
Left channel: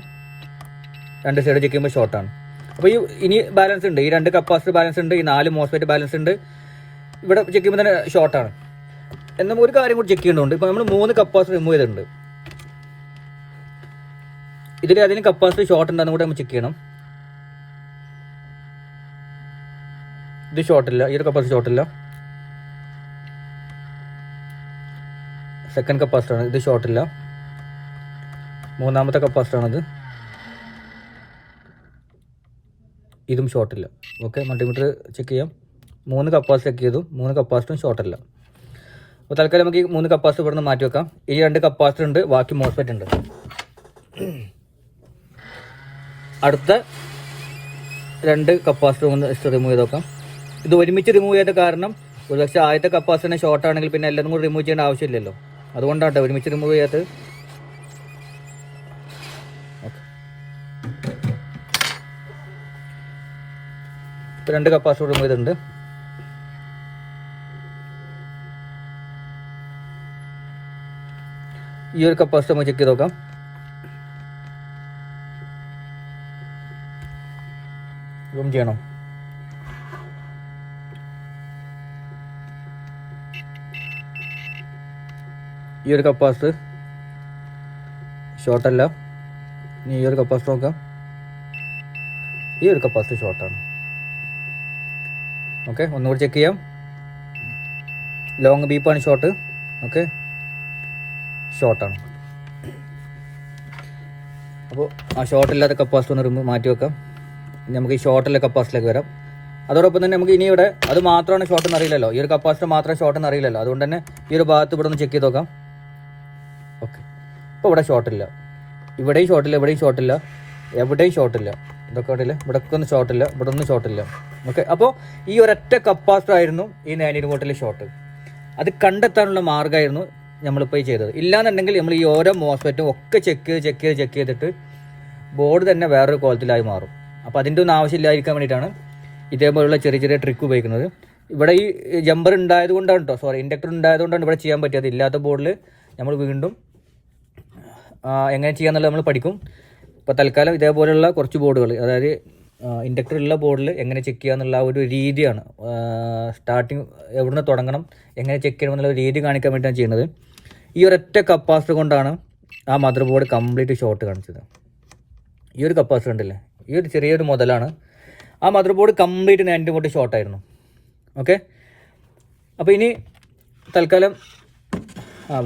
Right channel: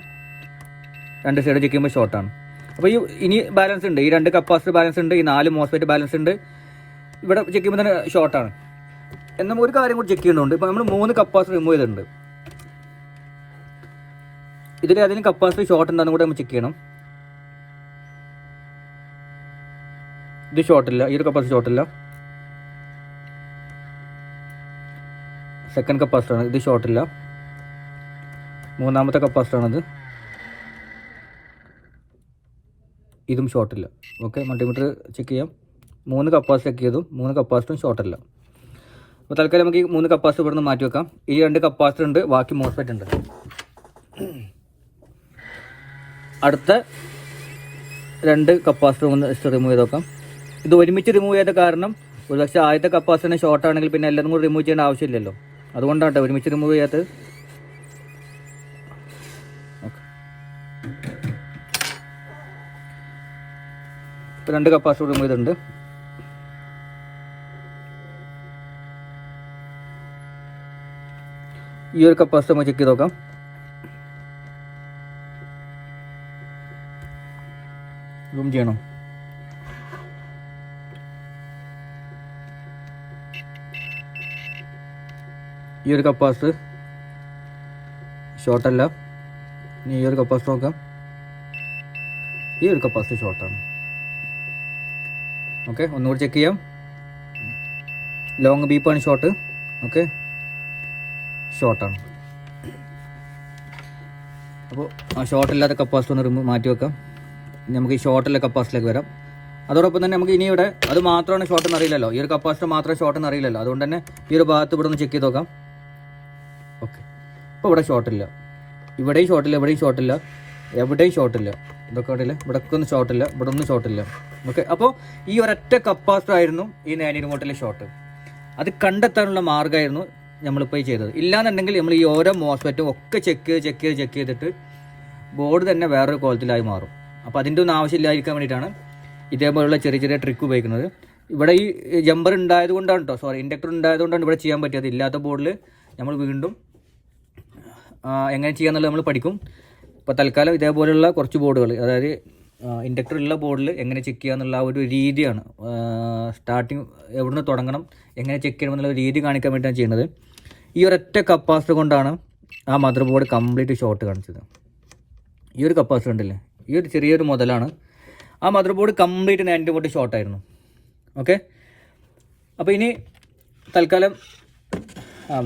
2 സൈഡ് ചെക്ക് ചെയ്യുമ്പോൾ ഷോർട്ടാണ്. അപ്പോൾ ഇനി ബാലൻസ് ഉണ്ട്, ഈ 2 കപ്പാസിറ്റി ബാലൻസ് ഉണ്ട്, ഈ 4 മോസ്ഫെറ്റ് ബാലൻസ് ഉണ്ട്. ഇവിടെ ചെക്ക് ചെയ്യുമ്പോൾ തന്നെ ഷോർട്ടാണ്. എന്നാൽ ഒരു കാര്യം കൂടി ചെക്ക് ചെയ്യേണ്ടതുണ്ട്. ഇപ്പോൾ നമ്മൾ 3 കപ്പാസിറ്റി റിമൂവ് ചെയ്തിട്ടുണ്ട്. ഇതിൽ അതിന് കപ്പാസിറ്റി ഷോർട്ട് ഉണ്ടെന്ന് കൂടെ നമ്മൾ ചെക്ക് ചെയ്യണം. ഇത് ഷോർട്ടില്ല, ഈ ഒരു കപ്പാസിറ്റി ഷോർട്ടില്ല. സെക്കൻഡ് കപ്പാസിറ്ററാണ്, ഇത് ഷോർട്ടില്ല. 3ാമത്തെ കപ്പാസിറ്ററാണിത്, ഇതും ഷോർട്ടില്ല. ഓക്കെ, മൾട്ടിമീറ്റർ ചെക്ക് ചെയ്യാം. 3 കപ്പാസിറ്റി ചെക്ക് ചെയ്തു, 3 കപ്പാസിറ്ററും ഷോർട്ടല്ല. അപ്പോൾ തൽക്കാലം നമുക്ക് ഈ 3 കപ്പാസിറ്റർ ഇവിടെ നിന്ന് മാറ്റി വെക്കാം. ഇനി 2 കപ്പാസിറ്റർ ഉണ്ട്, ബാക്കി മോസ്ഫെറ്റ് ഉണ്ട്. അടുത്ത 2 കപ്പാസിറ്റർ ഒന്ന് റിമൂവ് ചെയ്ത് നോക്കാം. ഇത് ഒരുമിച്ച് റിമൂവ് ചെയ്ത കാരണം ഒരുപക്ഷെ ആദ്യത്തെ കപ്പാസിറ്ററിന് ഷോർട്ട് ആണെങ്കിൽ പിന്നെ എല്ലാവരും കൂടി റിമൂവ് ചെയ്യേണ്ട ആവശ്യമില്ലല്ലോ, അതുകൊണ്ടാണ് ഒരുമിച്ച് റിമൂവ് ചെയ്യാത്തത്. ഓക്കെ, 2 കപ്പാസിറ്റർ റിമൂവ് ചെയ്തിട്ടുണ്ട്. ഈ ഒരു കപ്പാസിറ്റർ നമുക്ക് ചെക്ക് ചെയ്ത് നോക്കാം. സൂം ചെയ്യണോ? ഈ ഒരു കപ്പാസിറ്റർ ഷോർട്ടല്ല. ഇനി ഈ ഒരു കപ്പാസിറ്റർ നോക്കാം. ഈ ഒരു കപ്പാസിറ്റർ ഷോർട്ടാണ്. ഓക്കെ, ഒന്നുകൂടി ചെക്ക് ചെയ്യാം. ലോങ് ബീപ്പാണ് ഷോർട്ട്. ഓക്കെ, ഷോർട്ടാണ്. അപ്പോൾ ആ ഷോർട്ടില്ലാത്ത കപ്പാസിറ്റർ ഒന്ന് മാറ്റി വെക്കാം. നമുക്ക് ഈ ഷോർട്ടിലെ കപ്പാസിറ്റിയിലേക്ക് വരാം. അതോടൊപ്പം തന്നെ നമുക്ക് ഇനി ഇവിടെ അത് മാത്രമാണ് ഷോർട്ട് എന്ന് അറിയില്ലല്ലോ, ഈ ഒരു കപ്പാസിറ്റർ മാത്രം ഷോർട്ട് എന്ന് അറിയില്ലല്ലോ. അതുകൊണ്ട് തന്നെ ഈ ഒരു ഭാഗത്ത് ഇവിടെ ഒന്ന് ചെക്ക് ചെയ്ത് നോക്കാം. ഓക്കെ, ഇപ്പോൾ ഇവിടെ ഷോർട്ടില്ല, ഇവിടെയും ഷോർട്ടില്ല, ഇവിടെയും ഷോർട്ടില്ല, എവിടെയും ഷോർട്ടില്ല. ഇതൊക്കെ ഇവിടെ ഇല്ല, ഇവിടെ ഒന്നും ഷോർട്ടില്ല, ഇവിടെ ഒന്നും ഷോർട്ടില്ല. ഓക്കെ, അപ്പോൾ ഈ ഒരൊറ്റ കപ്പാസിറ്റർ ആയിരുന്നു ഈ 900 വോൾട്ടിലെ ഷോർട്ട്. അത് കണ്ടെത്താനുള്ള മാർഗ്ഗമായിരുന്നു നമ്മളിപ്പോൾ ചെയ്തത്. ഇല്ലാന്നുണ്ടെങ്കിൽ നമ്മൾ ഈ ഓരോ മോസ്ഫെറ്റും ഒക്കെ ചെക്ക് ചെയ്തിട്ട് ബോർഡ് തന്നെ വേറൊരു കോലത്തിലായി മാറും. അപ്പോൾ അതിൻ്റെ ഒന്നും ആവശ്യമില്ലായിരിക്കാൻ വേണ്ടിയിട്ടാണ് ഇതേപോലുള്ള ചെറിയ ട്രിക്ക് ഉപയോഗിക്കുന്നത്. ഇവിടെ ഈ ജമ്പർ ഉണ്ടായത് കൊണ്ടാണ് കേട്ടോ, സോറി, ഇൻഡക്ടർ ഉണ്ടായതുകൊണ്ടാണ് ഇവിടെ ചെയ്യാൻ പറ്റിയത്. ഇല്ലാത്ത ബോർഡിൽ നമ്മൾ വീണ്ടും എങ്ങനെ ചെയ്യാന്നുള്ളത് നമ്മൾ പഠിക്കും. ഇപ്പോൾ തൽക്കാലം ഇതേപോലെയുള്ള കുറച്ച് ബോർഡുകൾ, അതായത് ഇൻഡക്ടർ ഉള്ള ബോർഡിൽ എങ്ങനെ ചെക്ക് ചെയ്യുക എന്നുള്ള ഒരു രീതിയാണ്. സ്റ്റാർട്ടിങ് എവിടുന്ന് തുടങ്ങണം, എങ്ങനെ ചെക്ക് ചെയ്യണം എന്നുള്ള രീതി കാണിക്കാൻ വേണ്ടിയിട്ടാണ് ചെയ്യുന്നത്. ഈ ഒരൊറ്റ കപ്പാസിറ്റർ കൊണ്ടാണ് ആ മദർ ബോർഡ് കംപ്ലീറ്റ് ഷോർട്ട് കാണിച്ചത്. ഈ ഒരു കപ്പാസിറ്റർ ഉണ്ടല്ലേ, ഈ ഒരു ചെറിയൊരു മുതലാണ് ആ മദർ ബോർഡ് കംപ്ലീറ്റ് 90 വോൾട്ട് ഷോർട്ടായിരുന്നു. ഓക്കെ, അപ്പോൾ ഇനി തൽക്കാലം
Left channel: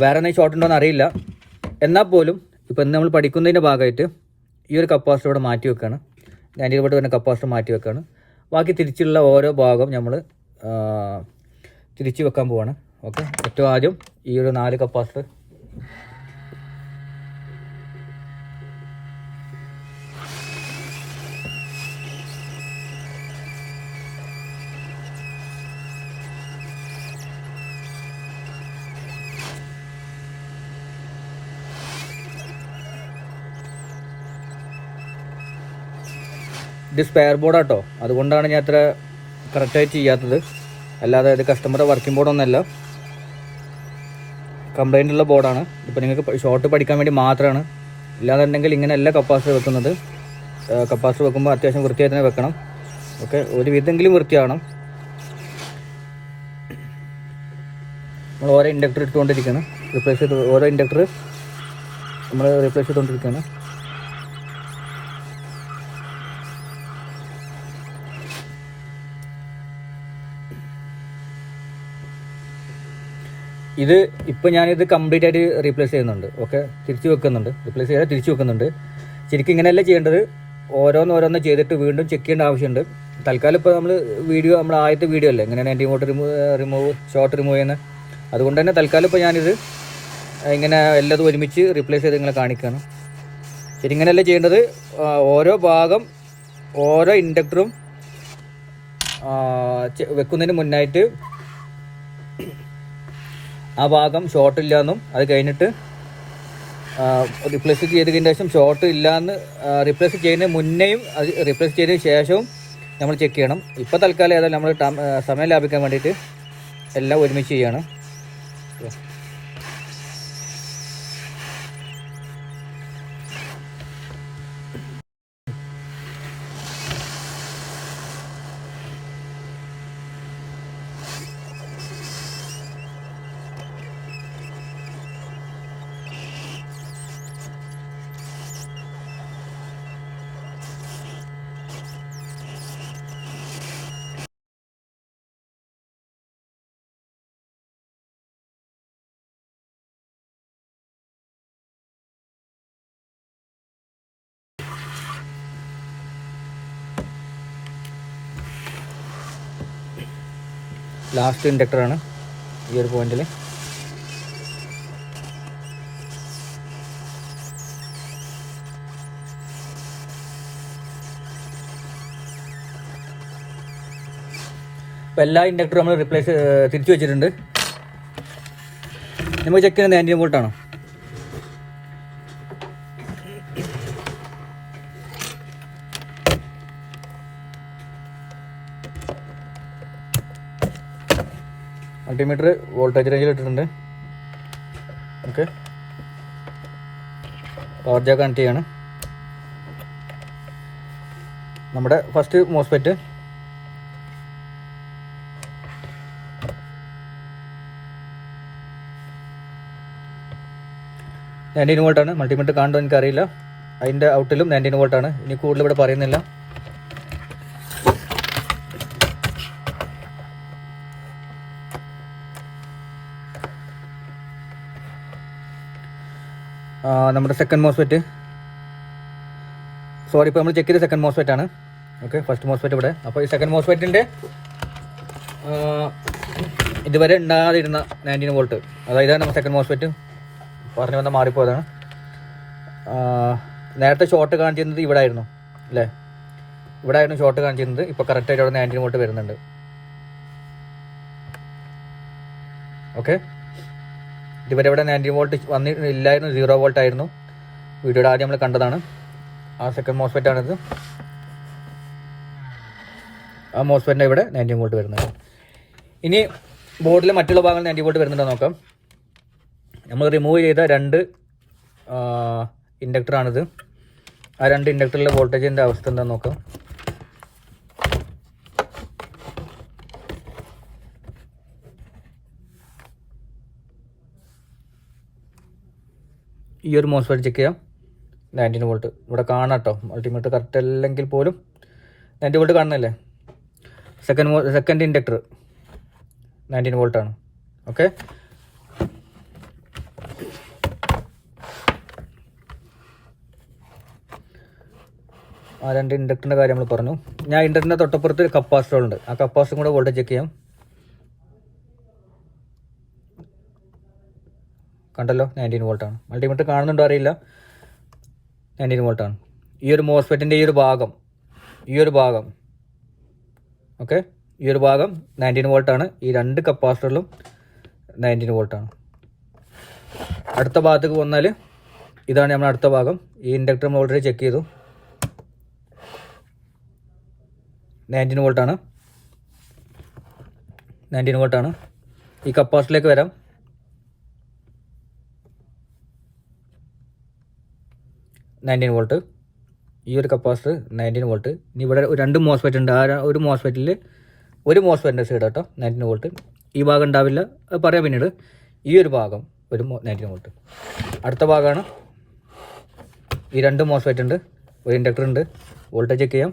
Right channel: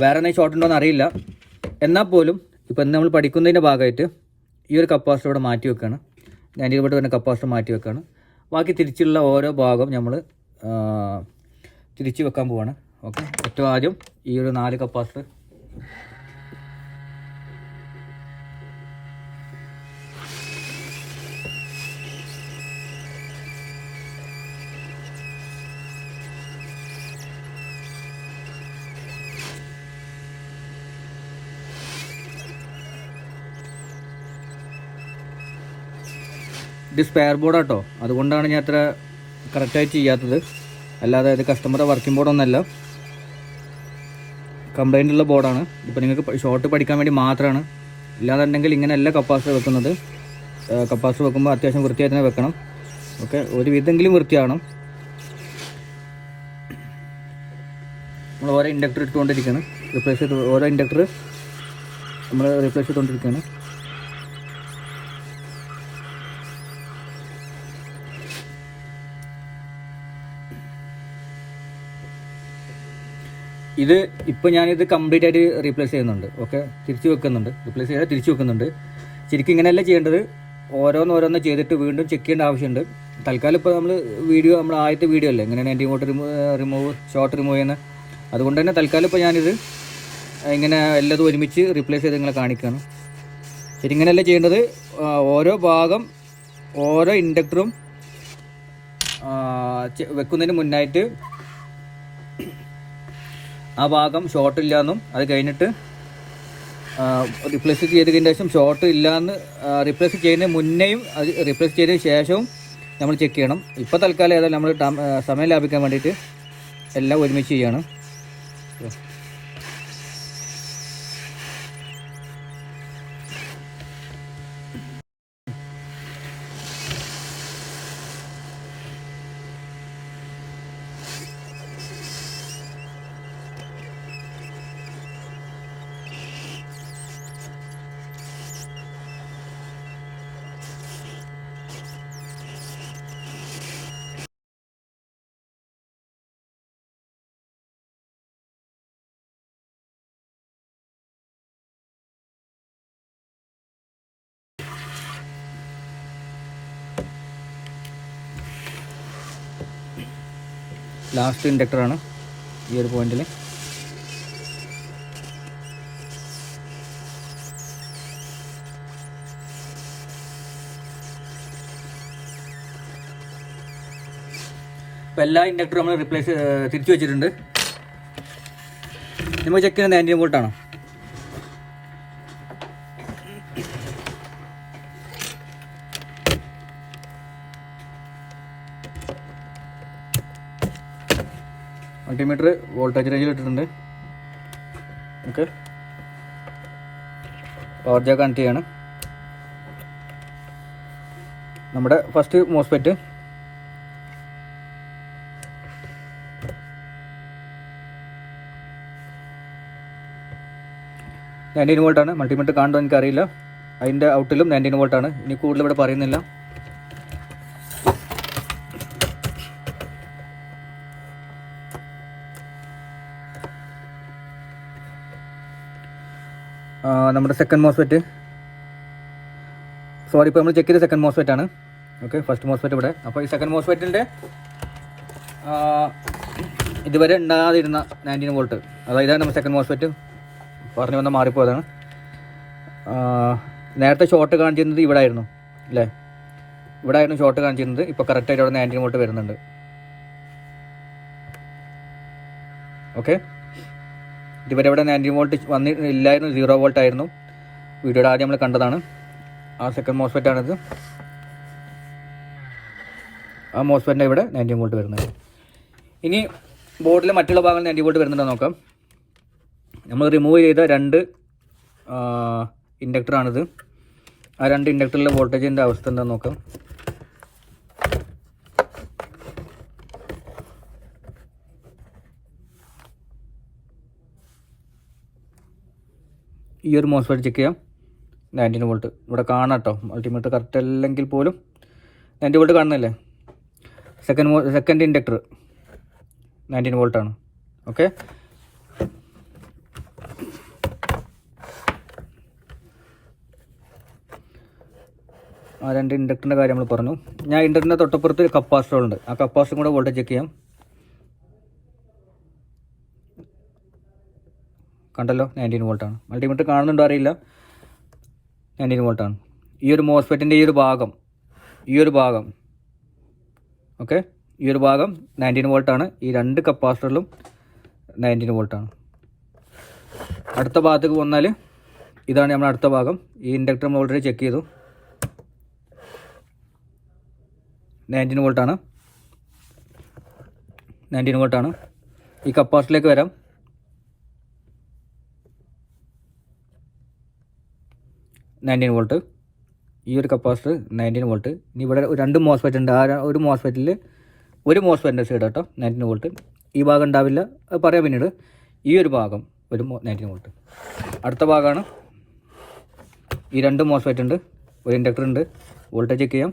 വേറെ എന്തെങ്കിലും ഷോർട്ട് ഉണ്ടോ എന്ന് അറിയില്ല. എന്നാൽ പോലും ഇപ്പോൾ ഇന്ന് നമ്മൾ പഠിക്കുന്നതിൻ്റെ ഭാഗമായിട്ട് ഈ ഒരു കപ്പാസിറ്റർ ഇവിടെ മാറ്റി വെക്കുകയാണ്. 90 വോൾട്ട് വരുന്ന കപ്പാസിറ്റർ മാറ്റി വെക്കുകയാണ്. ബാക്കി തിരിച്ചുള്ള ഓരോ ഭാഗം നമ്മൾ തിരിച്ച് വെക്കാൻ പോവാണ്. ഓക്കെ, ഏറ്റവും ആദ്യം ഈ ഒരു 4 കപ്പാസിറ്റർ ഇത് സ്പെയർ ബോർഡാട്ടോ, അതുകൊണ്ടാണ് ഞാൻ അത്ര കറക്റ്റായിട്ട് ചെയ്യാത്തത്. അല്ലാതെ ഇത് കസ്റ്റമറുടെ വർക്കിംഗ് ബോർഡൊന്നുമല്ല, കംപ്ലൈൻ്റ് ഉള്ള ബോർഡാണ്. ഇപ്പോൾ നിങ്ങൾക്ക് ഷോർട്ട് പഠിക്കാൻ വേണ്ടി മാത്രമാണ്. ഇല്ലാന്നുണ്ടെങ്കിൽ ഇങ്ങനെയല്ല കപ്പാസിറ്റർ വെക്കുന്നത്. കപ്പാസിറ്റർ വെക്കുമ്പോൾ അത്യാവശ്യം വൃത്തിയായി തന്നെ വെക്കണം. ഓക്കെ, ഒരു വിധമെങ്കിലും വൃത്തിയാവണം. നമ്മൾ ഓരോ ഇൻഡക്ടർ ഇട്ടുകൊണ്ടിരിക്കുകയാണ്, റീപ്ലേസ് ചെയ്ത് ഓരോ ഇൻഡക്ടർ നമ്മൾ റീപ്ലേസ് ചെയ്തുകൊണ്ടിരിക്കുകയാണ്. ഇത് ഇപ്പോൾ ഞാനിത് കംപ്ലീറ്റ് ആയിട്ട് റീപ്ലേസ് ചെയ്യുന്നുണ്ട്. ഓക്കെ, തിരിച്ച് വെക്കുന്നുണ്ട്, റീപ്ലേസ് ചെയ്താൽ തിരിച്ച് വെക്കുന്നുണ്ട്. ശരിക്കും ഇങ്ങനെയല്ല ചെയ്യേണ്ടത്, ഓരോന്ന് ചെയ്തിട്ട് വീണ്ടും ചെക്ക് ചെയ്യേണ്ട ആവശ്യമുണ്ട്. തൽക്കാലം ഇപ്പോൾ നമ്മൾ ആദ്യത്തെ വീഡിയോ അല്ലേ ഇങ്ങനെ 90 വോൾട്ട് ഷോർട്ട് റിമൂവ് ചെയ്യുന്നത്. അതുകൊണ്ട് തന്നെ തൽക്കാലം ഇപ്പോൾ ഞാനിത് ഇങ്ങനെ എല്ലാതും ഒരുമിച്ച് റീപ്ലേസ് ചെയ്ത് നിങ്ങളെ കാണിക്കുകയാണ്. ശരി, ഇങ്ങനെയല്ല ചെയ്യേണ്ടത്. ഓരോ ഭാഗം ഓരോ ഇൻഡക്ടറും വെക്കുന്നതിന് മുന്നായിട്ട് ആ ഭാഗം ഷോർട്ട് ഇല്ലയെന്നും അത് കഴിഞ്ഞിട്ട് റീപ്ലേസ് ചെയ്തതിന് ശേഷം ഷോർട്ട് ഇല്ലയെന്ന് റീപ്ലേസ് ചെയ്യുന്നതിന് മുന്നേയും അത് റീപ്ലേസ് ചെയ്തതിന് ശേഷവും നമ്മൾ ചെക്ക് ചെയ്യണം. ഇപ്പോൾ തൽക്കാലം ഏതായാലും നമ്മൾ സമയം ലാഭിക്കാൻ വേണ്ടിയിട്ട് എല്ലാം ഒരുമിച്ച് ചെയ്യണം. ലാസ്റ്റ് ഇൻഡക്ടറാണ് ഈ ഒരു പോയിന്റിൽ. ഇപ്പോൾ എല്ലാ ഇൻഡക്ടറും നമ്മൾ തിരിച്ചു വെച്ചിട്ടുണ്ട്. നമ്മൾ ചെക്ക് ചെയ്യുന്നത് 90 വോൾട്ടാണ്. മൾട്ടിമീറ്റർ വോൾട്ടേജ് റേഞ്ചിൽ ഇട്ടിട്ടുണ്ട്. ഓക്കെ, പവർ ജാക്ക് കണക്ട് ചെയ്യാണ്. നമ്മുടെ ഫസ്റ്റ് മോസ്ഫെറ്റ് $19 വോൾട്ടാണ്. മൾട്ടിമീറ്റർ കാണുന്നത് എനിക്കറിയില്ല. അതിൻ്റെ ഔട്ടിലും 19 വോൾട്ടാണ്. ഇനി കൂടുതൽ ഇവിടെ പറയുന്നില്ല. നമ്മുടെ സെക്കൻഡ് മോസ്ഫെറ്റ്, സോറി, ഇപ്പോൾ നമ്മൾ ചെക്ക് ചെയ്ത സെക്കൻഡ് മോസ്ഫെറ്റ് ആണ്. ഓക്കെ, ഫസ്റ്റ് മോസ്ഫെറ്റ് ഇവിടെ. അപ്പോൾ ഈ സെക്കൻഡ് മോസ്ഫെറ്റിൻ്റെ ഇതുവരെ ഉണ്ടാകാതിരുന്ന 19 വോൾട്ട്, അതായത് നമ്മുടെ സെക്കൻഡ് മോസ്ഫെറ്റ് പറഞ്ഞു വന്നാൽ മാറിപ്പോയതാണ്. നേരത്തെ ഷോർട്ട് കാണിച്ചിരുന്നത് ഇവിടെ ആയിരുന്നു അല്ലേ, ഇവിടെ ആയിരുന്നു ഷോർട്ട് കാണിച്ചിരുന്നത്. ഇപ്പോൾ കറക്റ്റായിട്ട് അവിടെ 19 വോൾട്ട് വരുന്നുണ്ട്. ഓക്കെ, ഇതുവരെ ഇവിടെ 90 വോൾട്ട് വന്നില്ലായിരുന്നു, 0 വോൾട്ട് ആയിരുന്നു. വീഡിയോയുടെ ആദ്യം നമ്മൾ കണ്ടതാണ്. ആ സെക്കൻഡ് മോസ്ഫെറ്റാണിത്. ആ മോസ്ഫെറ്റിൻ്റെ ഇവിടെ 90 വോൾട്ട് വരുന്നത്. ഇനി ബോർഡിലെ മറ്റുള്ള ഭാഗങ്ങൾ 90 വോൾട്ട് വരുന്നുണ്ടോ നോക്കാം. നമ്മൾ റിമൂവ് ചെയ്ത 2 ഇൻഡക്ടറാണിത്. ആ 2 ഇൻഡക്ടറിലെ വോൾട്ടേജിൻ്റെ അവസ്ഥ എന്താണെന്ന് നോക്കാം. ഈ ഒരു മോസ്ഫെറ്റ് ചെക്ക് ചെയ്യാം. 19 വോൾട്ട് ഇവിടെ കാണാം കേട്ടോ. മൾട്ടിമീറ്റർ കറക്റ്റ് അല്ലെങ്കിൽ പോലും 90 വോൾട്ട് കാണുന്നില്ലേ. Second inductor 19 വോൾട്ടാണ്. ഓക്കെ, ആ 2 ഇൻഡക്ടറിൻ്റെ കാര്യം നമ്മൾ പറഞ്ഞു. ഞാൻ ഇൻഡക്ടറിൻ്റെ തൊട്ടപ്പുറത്ത് കപ്പാസിറ്റർ ഉണ്ട്. ആ കപ്പാസിറ്ററും കൂടെ വോൾട്ടേജ് ചെക്ക് ചെയ്യാം. കണ്ടല്ലോ, 19 വോൾട്ടാണ്. മൾട്ടിമീറ്റർ കാണുന്നുണ്ടോ അറിയില്ല, 19 വോൾട്ടാണ്. ഈ ഒരു മോസ്ഫെറ്റിൻ്റെ ഈ ഒരു ഭാഗം ഓക്കെ, ഈ ഒരു ഭാഗം 19 വോൾട്ടാണ്. ഈ 2 കപ്പാസിറ്ററിലും 19 വോൾട്ടാണ്. അടുത്ത ഭാഗത്തേക്ക് വന്നാൽ ഇതാണ് നമ്മുടെ അടുത്ത ഭാഗം. ഈ ഇൻഡക്ടർ നമ്മൾ ഓൾറെഡി ചെക്ക് ചെയ്തു, 19 വോൾട്ടാണ്. 19 വോൾട്ടാണ്. ഈ കപ്പാസിറ്ററിലേക്ക് വരാം. വോൾട്ട്. ഈ ഒരു കപ്പാസിറ്റർ 19 വോൾട്ട്. ഇനി ഇവിടെ 2 മോസ്ഫെറ്റ് ഉണ്ട്. ആ ഒരു മോസ്ഫെറ്റിൽ ഒരു മോസ്ഫെറ്റിൻ്റെ സൈഡ് കേട്ടോ 19 വോൾട്ട്. ഈ ഭാഗം ഉണ്ടാവില്ല, അത് പറയാം പിന്നീട്. ഈ ഒരു ഭാഗം ഒരു 19 വോൾട്ട്. അടുത്ത ഭാഗമാണ് ഈ 2 മോസ്ഫെറ്റ് ഉണ്ട്, ഒരു ഇൻഡക്ടർ ഉണ്ട്. വോൾട്ടേജ് ചെക്ക് ചെയ്യാം.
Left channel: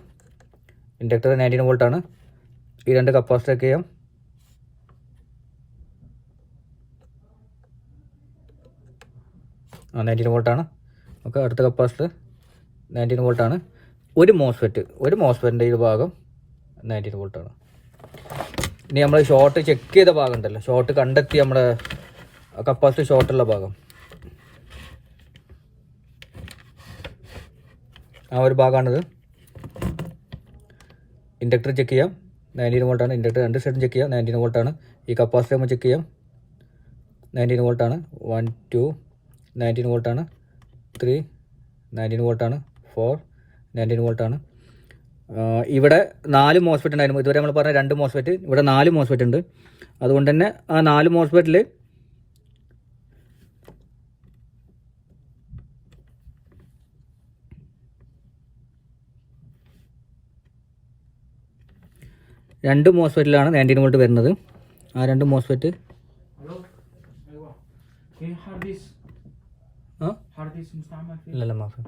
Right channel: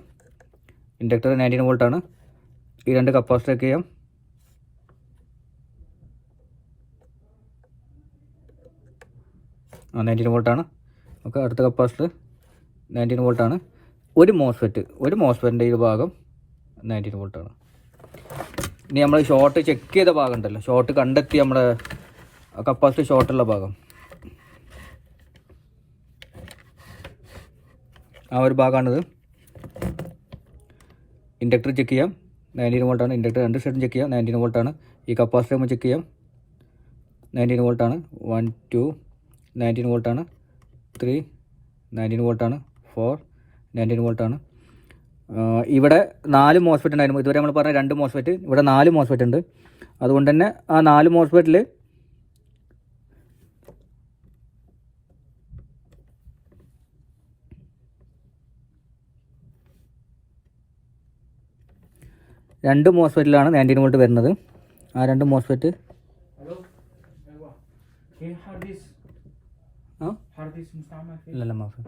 ഇൻഡക്ടർ 19 വോൾട്ടാണ്. ഈ 2 കപ്പാസിറ്റർ ചെക്ക് ചെയ്യാം. ആ 19 വോൾട്ടാണ്. ഓക്കെ, അടുത്ത കപ്പാസിറ്റർ 19 വോൾട്ടാണ്. ഒരു മോസ്ഫെറ്റിൻ്റെ ഈ ഭാഗം 19 വോൾട്ടാണ്. ഇനി നമ്മൾ ഷോർട്ട് ചെക്ക് ചെയ്ത ഭാഗം ഉണ്ടല്ലോ, ഷോർട്ട് കണ്ടെത്തി നമ്മുടെ കപ്പാസിറ്റർ ഷോർട്ടുള്ള ഭാഗം, ആ ഒരു ഭാഗമാണിത്. ഇൻഡക്ടർ ചെക്ക് ചെയ്യാം, 19 വോൾട്ടാണ്. ഇൻഡക്ടർ 2 സൈഡും ചെക്ക് ചെയ്യാം, 19 വോൾട്ടാണ്. ഈ കപ്പാസിറ്റർ നമ്മൾ ചെക്ക് ചെയ്യാം, 19 വോൾട്ടാണ്. 1 2 19 വോൾട്ടാണ്. 3 19 വോൾട്ടാണ്. 4 19 വോൾട്ടാണ്. ഇവിടെ 4 മോസ്ഫെറ്റ് ഉണ്ടായിരുന്നു. ഇതുവരെ നമ്മൾ പറഞ്ഞ 2 മോസ്ഫെറ്റ്, ഇവിടെ 4 മോസ്ഫെറ്റ് ഉണ്ട്. അതുകൊണ്ട് തന്നെ ആ 4 മോസ്ഫെറ്റിൽ രണ്ട് മോസ്ഫെറ്റിലാണ് 19 വോൾട്ട് വരുന്നത്. ആ 2 മോസ്ഫെറ്റ് ഇല്ലല്ല മാഫ്.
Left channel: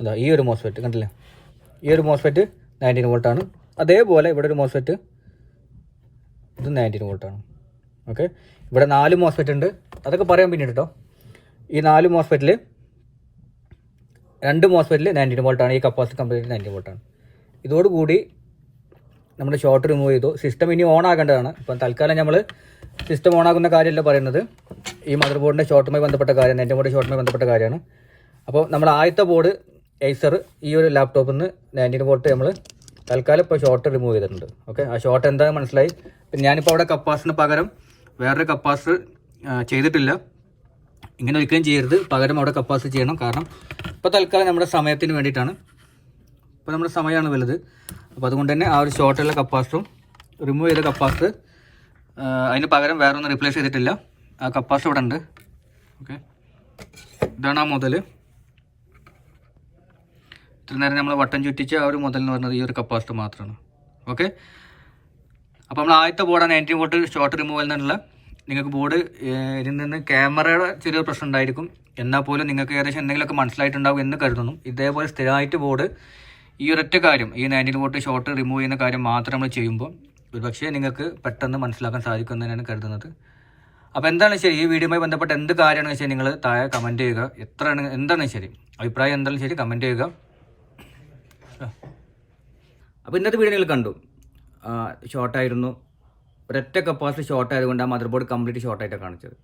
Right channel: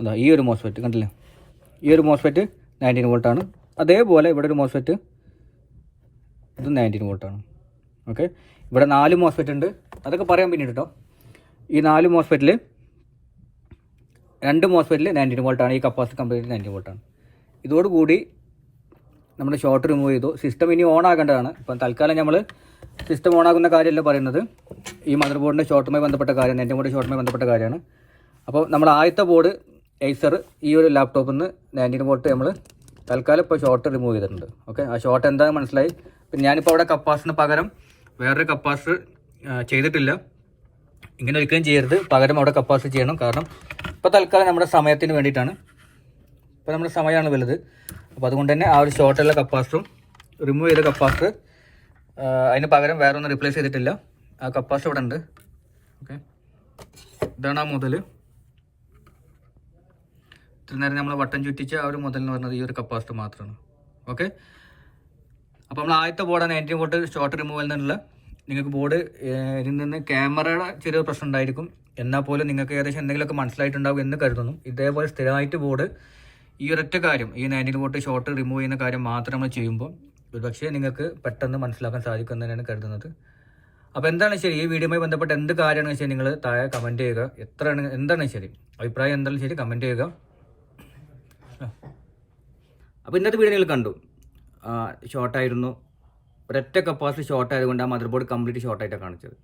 അതാ ഈ ഒരു മോസ്ഫെറ്റ് കണ്ടില്ലേ, ഈ ഒരു മോസ്ഫെറ്റ് 19 വോൾട്ടാണ്. അതേപോലെ ഇവിടെ ഒരു മോസ്ഫെറ്റ്, ഇത് 19 വോൾട്ടാണ്. ഓക്കെ, ഇവിടെ 4 മോസ്ഫെറ്റ് ഉണ്ട്, അതൊക്കെ പറയാൻ പിന്നീട് കേട്ടോ. ഈ 4 മോസ്ഫെറ്റിൽ 2 മോസ്ഫെറ്റിൽ 19 വോൾട്ടാണ്. ഈ കപ്പാസിറ്റി കംപ്ലീറ്റ് 19 വോൾട്ടാണ്. ഇതോടുകൂടി നമ്മുടെ ഷോർട്ട് റിമൂവ് ചെയ്തു. സിസ്റ്റം ഇനി ഓൺ ആക്കേണ്ടതാണ്. ഇപ്പം തൽക്കാലം നമ്മൾ സിസ്റ്റം ഓൺ ആകുന്ന കാര്യമല്ല പറയുന്നത്, ഈ മദർ ബോർഡിൻ്റെ ഷോർട്ടുമായി ബന്ധപ്പെട്ട കാര്യം, എൻ്റെ ബോർഡ് ഷോർട്ടുമായി ബന്ധപ്പെട്ട കാര്യമാണ്. അപ്പോൾ നമ്മൾ ആദ്യത്തെ ബോർഡ് ഏസർ, ഈ ഒരു ലാപ്ടോപ്പിൽ നിന്ന് 19 വോൾട്ട് നമ്മൾ തൽക്കാലം ഇപ്പോൾ ഷോർട്ട് റിമൂവ് ചെയ്തിട്ടുണ്ട്. ഓക്കെ, ആ ഷോർട്ട് എന്താണെന്ന് മനസ്സിലായി. പിന്നെ ഞാനിപ്പോൾ ഇവിടെ കപ്പാസിറ്ററിന് പകരം വേറൊരു കപ്പാസിറ്റർ ചെയ്തിട്ടില്ല. ഇങ്ങനെ ഒരിക്കലും ചെയ്യരുത്, പകരം അവിടെ കപ്പാസിറ്റർ ചെയ്യണം. കാരണം ഇപ്പോൾ തൽക്കാലം നമ്മുടെ സമയത്തിന് വേണ്ടിയിട്ടാണ്. ഇപ്പോൾ നമ്മുടെ സമയമാണ് വലുത്. അപ്പോൾ അതുകൊണ്ട് തന്നെ ആ ഒരു ഷോർട്ടുള്ള കപ്പാസിറ്ററും റിമൂവ് ചെയ്ത കപ്പാസിറ്റർ, അതിന് പകരം വേറെ ഒന്നും റീപ്ലേസ് ചെയ്തിട്ടില്ല. ആ കപ്പാസിറ്റർ ഇവിടെ ഉണ്ട്. ഓക്കെ, ഇതാണ് ആ മുതൽ. ഇത്ര നേരം നമ്മൾ വട്ടം ചുറ്റിച്ച് ആ ഒരു മുതൽ എന്ന് പറഞ്ഞത് ഈ ഒരു കപ്പാസിറ്റർ മാത്രമാണ്. ഓക്കെ, അപ്പോൾ നമ്മൾ ആദ്യത്തെ ബോർഡാണ് 19 വോൾട്ട് ഷോർട്ട് റിമൂവൽ എന്നുള്ള. നിങ്ങൾക്ക് ബോർഡ് ഇതിൽ നിന്ന് ക്യാമറയുടെ ചെറിയൊരു പ്രശ്നം ഉണ്ടായിരിക്കും, എന്നാൽ പോലും നിങ്ങൾക്ക് ഏകദേശം എന്തെങ്കിലുമൊക്കെ മനസ്സിലായിട്ടുണ്ടാവും എന്ന് കരുതുന്നു. ഇതേപോലെ സ്ഥിരമായിട്ട് ബോർഡ് ഈ ഒരൊറ്റ കാര്യം, ഈ 19 വോൾട്ട് ഷോർട്ട് റിമൂവ് ചെയ്യുന്ന കാര്യം മാത്രം നമ്മൾ ചെയ്യുമ്പോൾ ഒരുപക്ഷേ നിങ്ങൾക്ക് പെട്ടെന്ന് മനസ്സിലാക്കാൻ സാധിക്കും എന്നാണ് കരുതുന്നത്. അപ്പോൾ എന്താണ് ശരി, ഈ വീഡിയോയുമായി ബന്ധപ്പെട്ട എന്ത് കാര്യമാണെന്ന് വെച്ചാൽ നിങ്ങൾ താഴെ കമൻറ്റ് ചെയ്യുക. എന്താണ് ശരി, അഭിപ്രായം എന്തായാലും ശരി കമൻറ്റ് ചെയ്യുക. അപ്പോൾ ഇന്നത്തെ വീഡിയോ നിങ്ങൾ കണ്ടു, ഷോർട്ടായിരുന്നു. ഒരൊറ്റ കപ്പാസിറ്റി ഷോർട്ട് ആയതുകൊണ്ട് ആ മദർ ബോർഡ് കംപ്ലീറ്റ് ഷോർട്ടായിട്ടാണ് കാണിച്ചത്.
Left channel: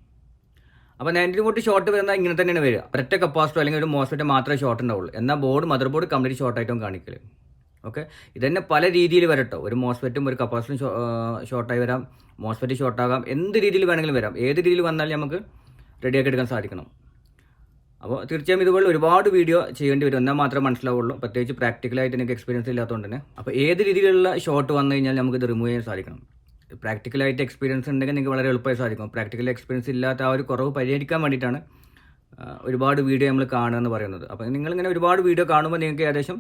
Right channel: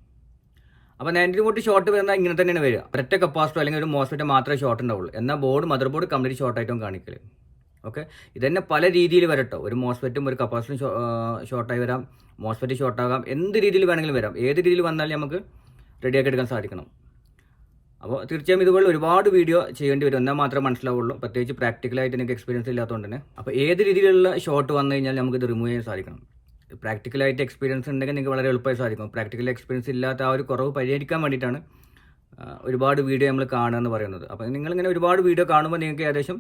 അപ്പോൾ 19 വോൾട്ട് ഷോർട്ട് വരുന്നത് ഇങ്ങനെ തന്നെയാണ് വരിക. ഒരൊറ്റ കപ്പാസിറ്റർ അല്ലെങ്കിൽ ഒരു മോസ്ഫെറ്റ് മാത്രമേ ഷോർട്ട് ഉണ്ടാവുള്ളൂ. എന്നാൽ മദർ ബോർഡ് കംപ്ലീറ്റ് ഷോർട്ടായിട്ടും കാണിക്കല്. ഓക്കെ, ഇതന്നെ പല രീതിയിൽ വരട്ടോ. ഒരു മോസ്ഫെറ്റും ഒരു കപ്പാസിറ്ററും ഷോർട്ടായി വരാം, മോസ്ഫെറ്റ് ഷോർട്ടാകാം, എന്ത് രീതിയിൽ വേണമെങ്കിലും വരാം. ഏത് രീതിയിൽ വന്നാലും നമുക്ക് റെഡിയാക്കി എടുക്കാൻ സാധിക്കണം. അപ്പോൾ തീർച്ചയായും ഇതുപോലെ ഒരുപാട് വീഡിയോ ചെയ്യേണ്ടി വരും, എന്നാൽ മാത്രമേ മനസ്സിലാവുള്ളൂ. പ്രത്യേകിച്ച് പ്രാക്ടിക്കലായിട്ട് എനിക്ക് എക്സ്പീരിയൻസ് ഇല്ലാത്തതുകൊണ്ട് തന്നെ. അപ്പോൾ ഏത് രീതിയിലുള്ള ഷോർട്ട് വന്നു കഴിഞ്ഞാൽ നമുക്കിത് റിമൂവ് ചെയ്യാൻ സാധിക്കണം. പ്രാക്ടിക്കലായിട്ട് എക്സ്പീരിയൻസ് ഉണ്ടെങ്കിൽ നിങ്ങൾക്ക് വളരെ എളുപ്പമായി സാധിക്കും. പ്രാക്ടിക്കൽ എക്സ്പീരിയൻസ് ഇല്ലാത്ത ആ ഒരു കുറവ് പരിഹരിക്കാൻ വേണ്ടിയിട്ടാണ് ഒരുപാട് വീഡിയോ നമ്മൾ കാണുക എന്ന് പറയുന്നത്. അപ്പോൾ നിങ്ങളിങ്ങനെ ഒരുപാട് വീഡിയോ കാണുമ്പോൾ നിങ്ങൾക്ക് ഏകദേശം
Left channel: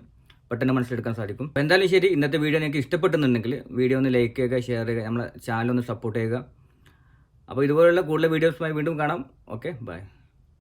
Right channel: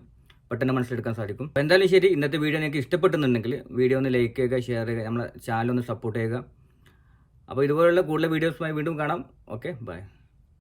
പെട്ടെന്ന് മനസ്സിലെടുക്കാൻ സാധിക്കും. അപ്പോൾ എന്തായാലും ശരി, ഇന്നത്തെ വീഡിയോ നിങ്ങൾക്ക് ഇഷ്ടപ്പെട്ടെന്നുണ്ടെങ്കിൽ വീഡിയോ ഒന്ന് ലൈക്ക് ചെയ്യുക, ഷെയർ ചെയ്യുക, നമ്മളെ ചാനൽ ഒന്ന് സപ്പോർട്ട് ചെയ്യുക. അപ്പോൾ ഇതുപോലുള്ള കൂടുതൽ വീഡിയോസുമായി വീണ്ടും കാണാം. Okay, by.